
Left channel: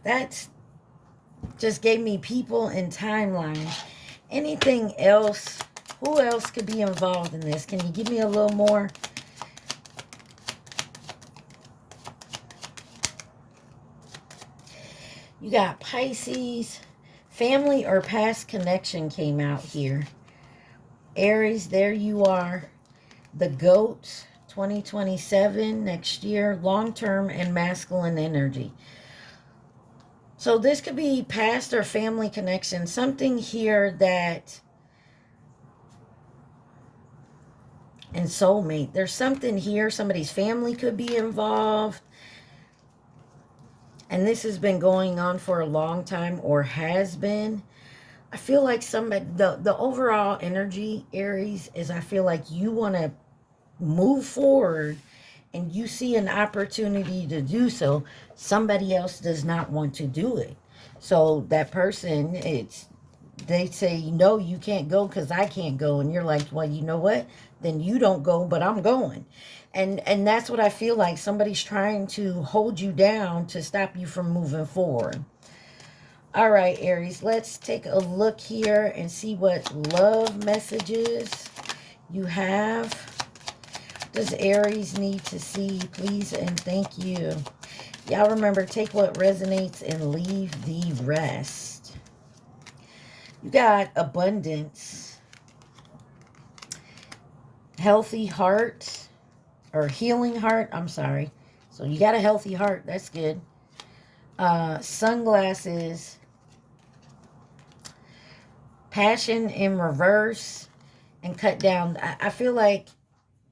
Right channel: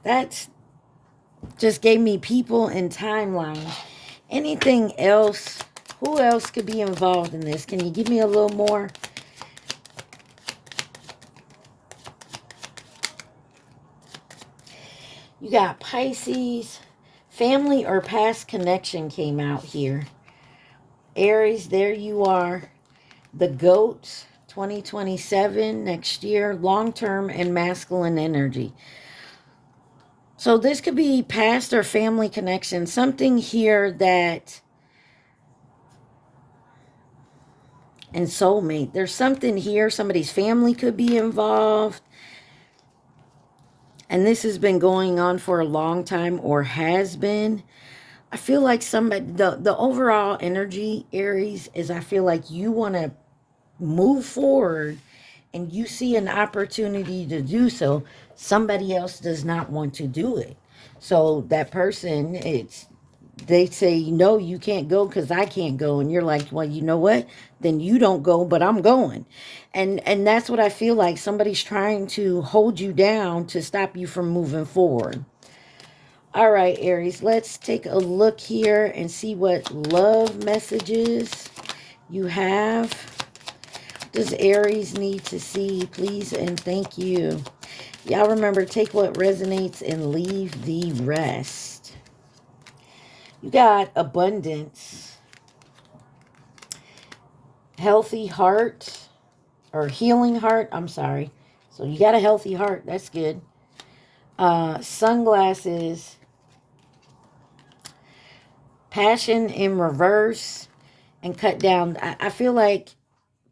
That's just gave me people and timeline. Anything else? Who else could be involved in this? Can you give me a little more? You got Pisces. Family or past connection came out here. Aries, there you are. The goat, 2027, next year. Long-term and masculine energy. So this could be past or family connection. Something here that... And soulmate. There's something here. Somebody's family could be involved. And this has been going on for a long time or has been. I feel like somebody... The overall energy, Aries, is I feel like you want to move forward and you see an opportunity to do so. Somebody else does not want to do it. So that person, they say, no, you can't go because I can't go. And you're like, well, you know what? Then you don't go, but I'm going. And that's what I feel like. Somebody's trying to hold you down to stop you from moving forward. All right, Aries, let's take a look here and see what love messages you have. Does Aries need to see? Please and thank you. Y'all remember, take what resonates and leave the rest. You got abundance, healthy heart, or healing heart. I'm sorry. So you got a healthy heart. That's good. Sunglasses, passion in reverse, and cut down. I feel like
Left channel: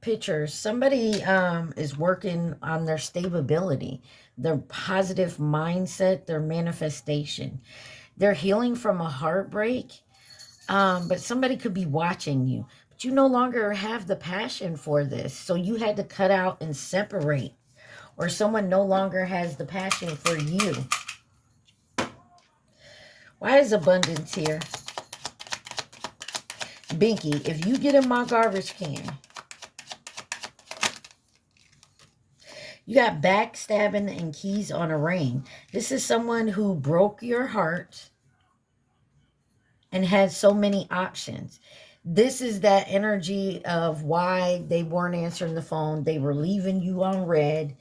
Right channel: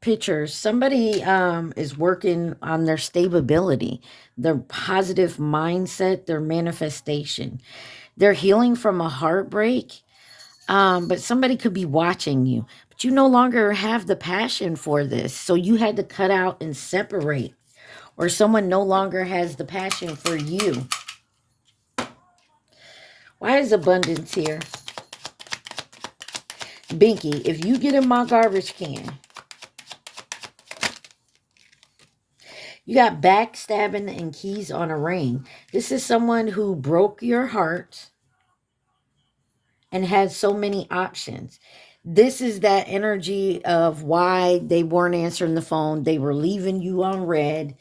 pictures. Somebody is working on their stability, their positive mindset, their manifestation. They're healing from a heartbreak, but somebody could be watching you. But But you no longer have the passion for this. So you had to cut out and separate. Or someone no longer has the passion for you. Why is abundance here? Binky, if you get in my garbage can, you got backstabbing and keys on a ring. This is someone who broke your heart and had so many options. This is that energy of why they weren't answering the phone. They were leaving you on red.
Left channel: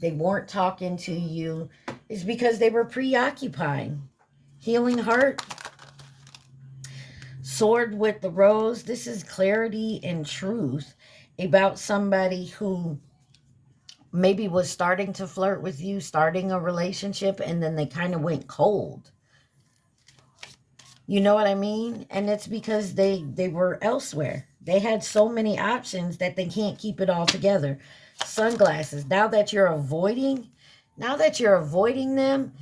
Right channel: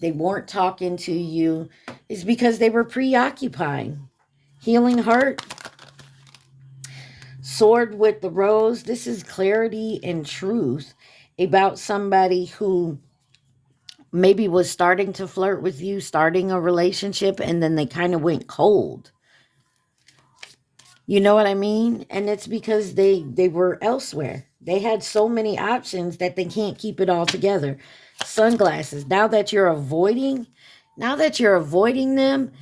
They weren't talking to you. It's because they were preoccupied. Healing heart. Sword with the rose. This is clarity and truth about somebody who maybe was starting to flirt with you, starting a relationship, and then they kind of went cold. You know what I mean? And it's because they were elsewhere. They had so many options that they can't keep it all together. Sunglasses. Now that you're avoiding them,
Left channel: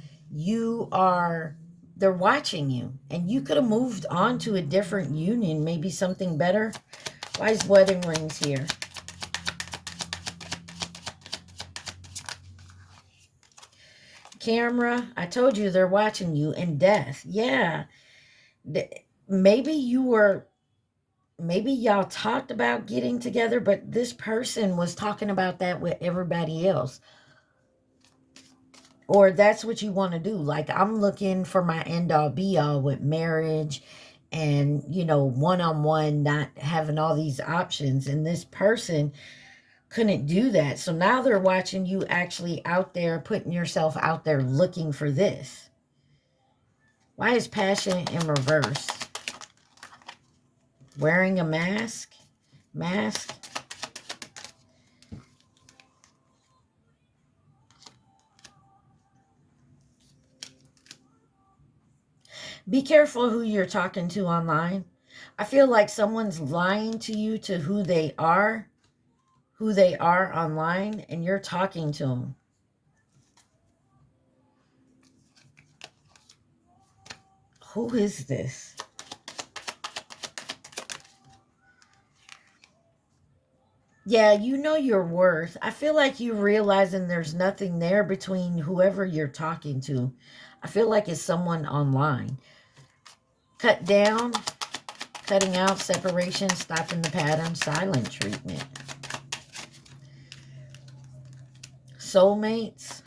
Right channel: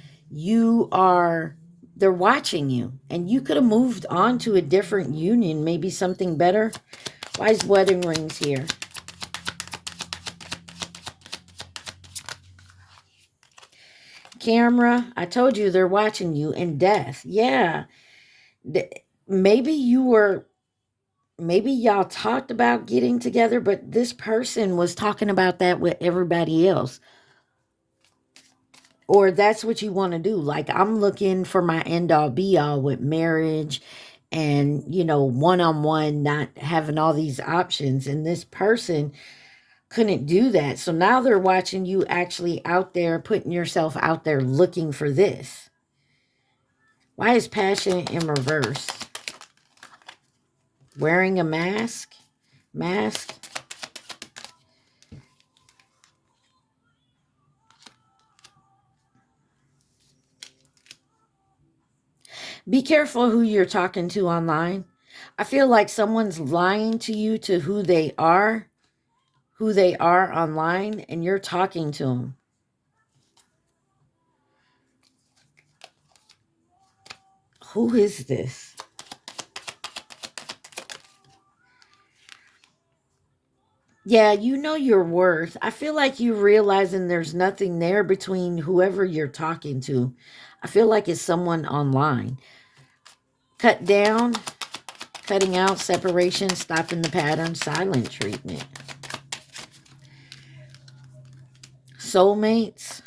they're watching you. And you could have moved on to a different union, maybe something better. Why is wedding rings here? Camera. I told you they're watching you. And death. Yeah. Maybe y'all talked about getting together, but this person was talking about that with everybody else. Or that's what you want to do. Like, I'm looking for my end all be all with marriage and, one-on-one, not having all these options. And this person couldn't do that. So now they're watching you actually out there, putting yourself out there looking for this. Why is passion in reverse? Wearing a mask. Be careful who you're talking to online. I feel like someone's lying to you to who they are online, and you're talking to them. Who is this? Yeah, you know your worth. I feel like you realizing there's nothing there between whoever you're talking to. I feel like it's someone online. Cut down, cutting out, separation, stopping the pattern, silent treatment. Soulmates.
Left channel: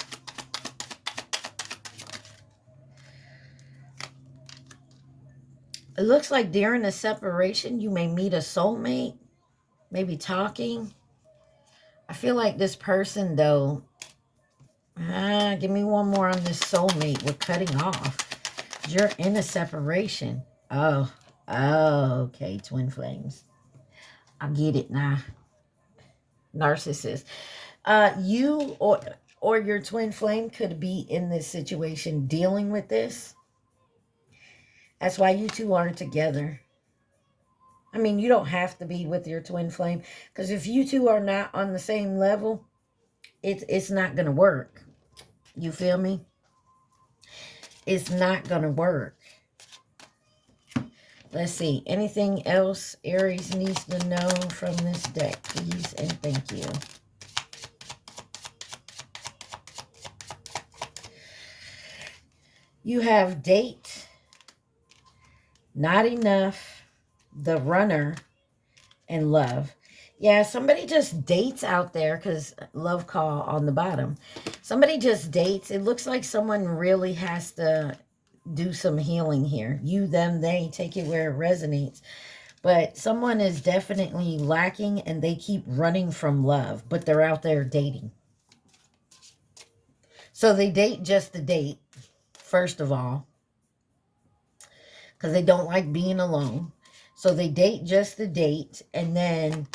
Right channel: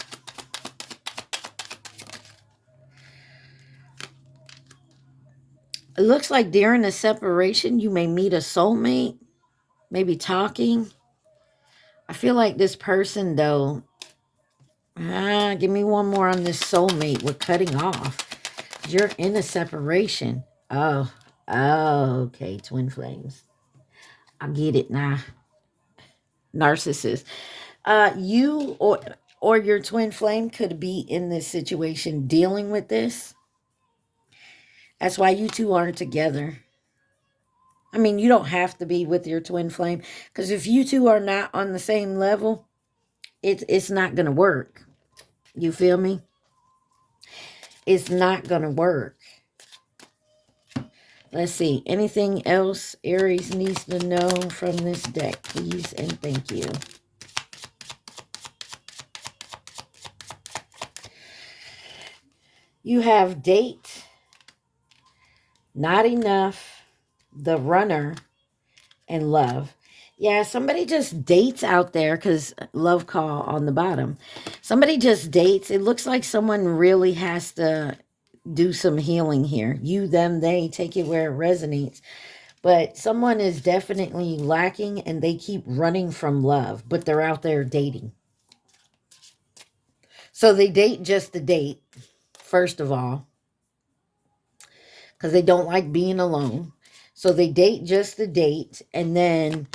It looks like during the separation, you may meet a soulmate, maybe talking. I feel like this person, though, give me one more on this soulmate. We're cutting off. You're in a separation. Oh, okay, twin flames. I get it now. Narcissist. You or your twin flame could be in this situation dealing with this. That's why you two aren't together. I mean, you don't have to be with your twin flame, because if you two are not on the same level, it's not going to work. You feel me? It's not going to work. Let's see. Anything else Aries needs to know from this deck, please and thank you. You have date, not enough, the runner, and love. Yeah, somebody just dates out there, because love call on the bottom. Somebody just dates. It looks like someone really has to do some healing here. You, them, they, take it where it resonates. But someone is definitely lacking and they keep running from love, but they're out there dating. So they date just to date, first of all, because they don't like being alone. So they date just to date, and then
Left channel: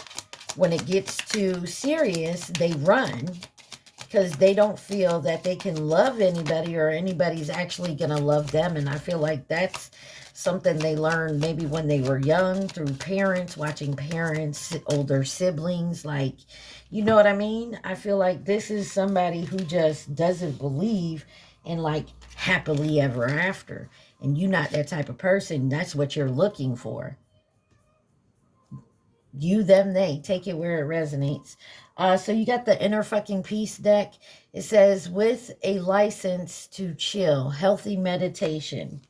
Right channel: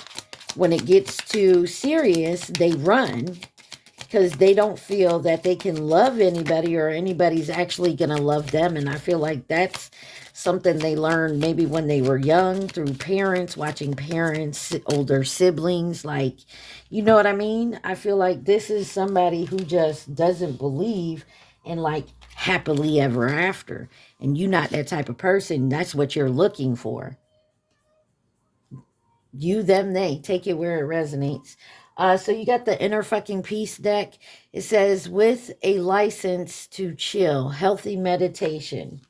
when it gets too serious, they run because they don't feel that they can love anybody or anybody's actually going to love them. And I feel like that's something they learned maybe when they were young through parents, watching parents, older siblings. Like, you know what I mean? I feel like this is somebody who just doesn't believe in like happily ever after. And you're not that type of person. That's what you're looking for. You, them, they. Take it where it resonates. So you got the Inner Fucking Peace deck. It says, with a license to chill, healthy meditation.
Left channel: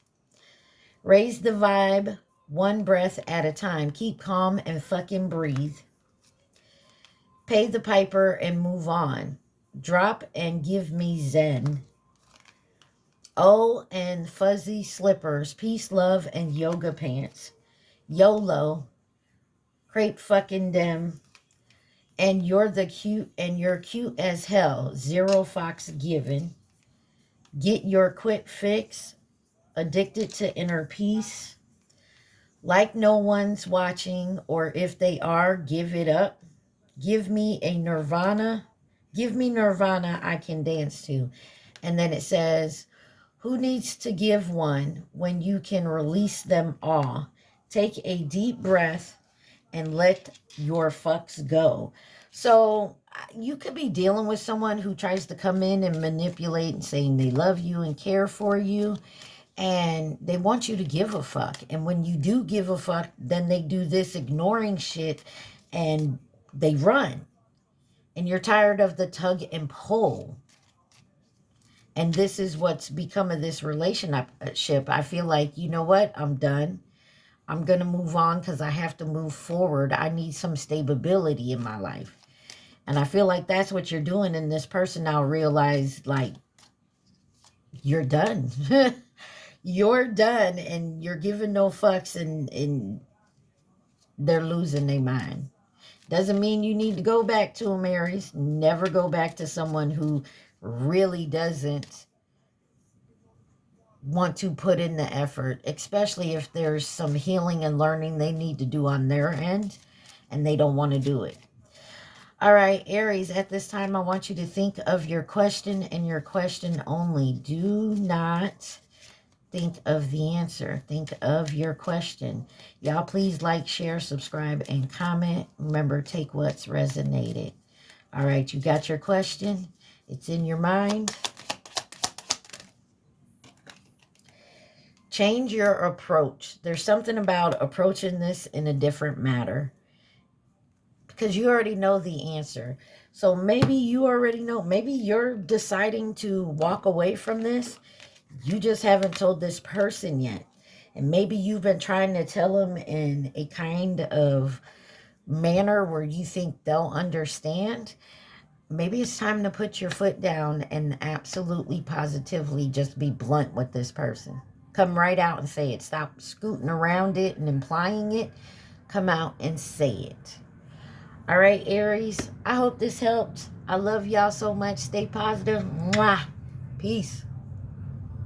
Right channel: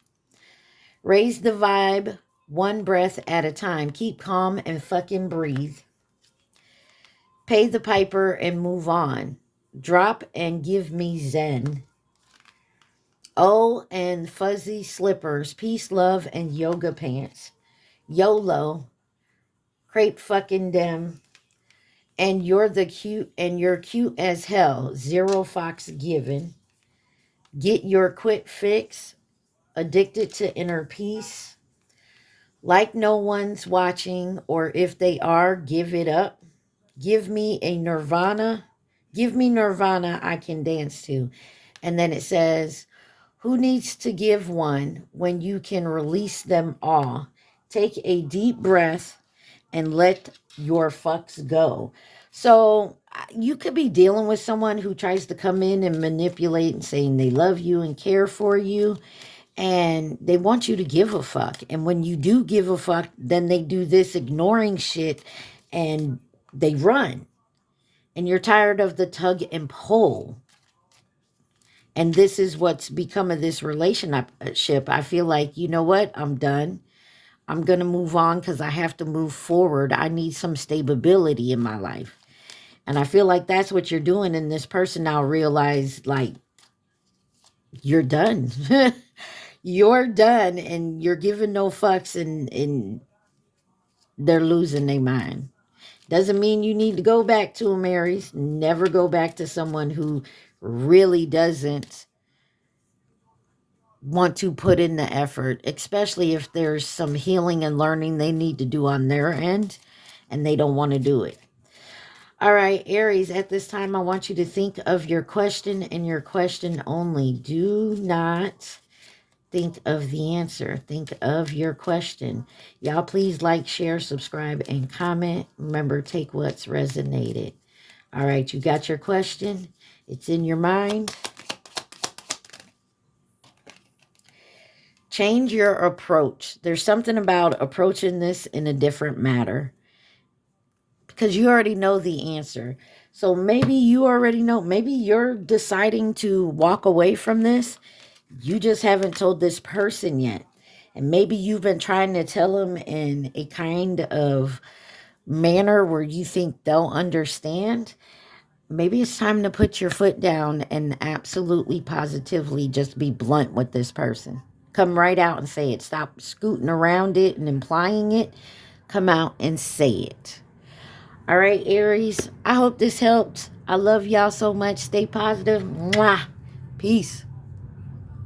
Raise the vibe one breath at a time. Keep calm and fucking breathe. Pay the piper and move on. Drop and give me zen. Oh, and fuzzy slippers. Peace, love, and yoga pants. YOLO. Crepe fucking dem. And you're cute as hell. Zero fox given. Get your quit fix. Addicted to inner peace. Like no one's watching, or if they are, give it up. Give me a nirvana. Give me nirvana I can dance to. And then it says, who needs to give one when you can release them all? Take a deep breath and let your fucks go. So you could be dealing with someone who tries to come in and manipulate and saying they love you and care for you. And they want you to give a fuck. And when you do give a fuck, then they do this ignoring shit and they run. And you're tired of the tug and pull. And this is what's become of this relationship. I feel like, you know what? I'm done. I'm going to move on because I have to move forward. I need some stability in my life. And I feel like that's what you're doing. And this person now realize, like, you're done. You're done and you're giving no fucks and they're losing their mind. Doesn't mean you need to go back to them, Aries. Never go back to someone who really doesn't want to put in the effort, especially if there's some healing and learning they need to do on their end and they don't want to do it. All right, Aries, at this time, I want you to think of your question and your question only. Do not think of the answer. Think of your question. Y'all, please like, share, subscribe, and comment. Remember, take what's resonated. All right, you got your question. It's in your mind. Change your approach. There's something about approaching this in a different manner because you already know the answer. So maybe you already know. Maybe you're deciding to walk away from this. You just haven't told this person yet. And maybe you've been trying to tell them in a kind of manner where you think they'll understand. Maybe it's time to put your foot down and absolutely positively just be blunt with this person. Come right out and say it. Stop scooting around it and implying it. Come out and say it. All right, Aries, I hope this helped. I love y'all so much. Stay positive. Mwah. Peace.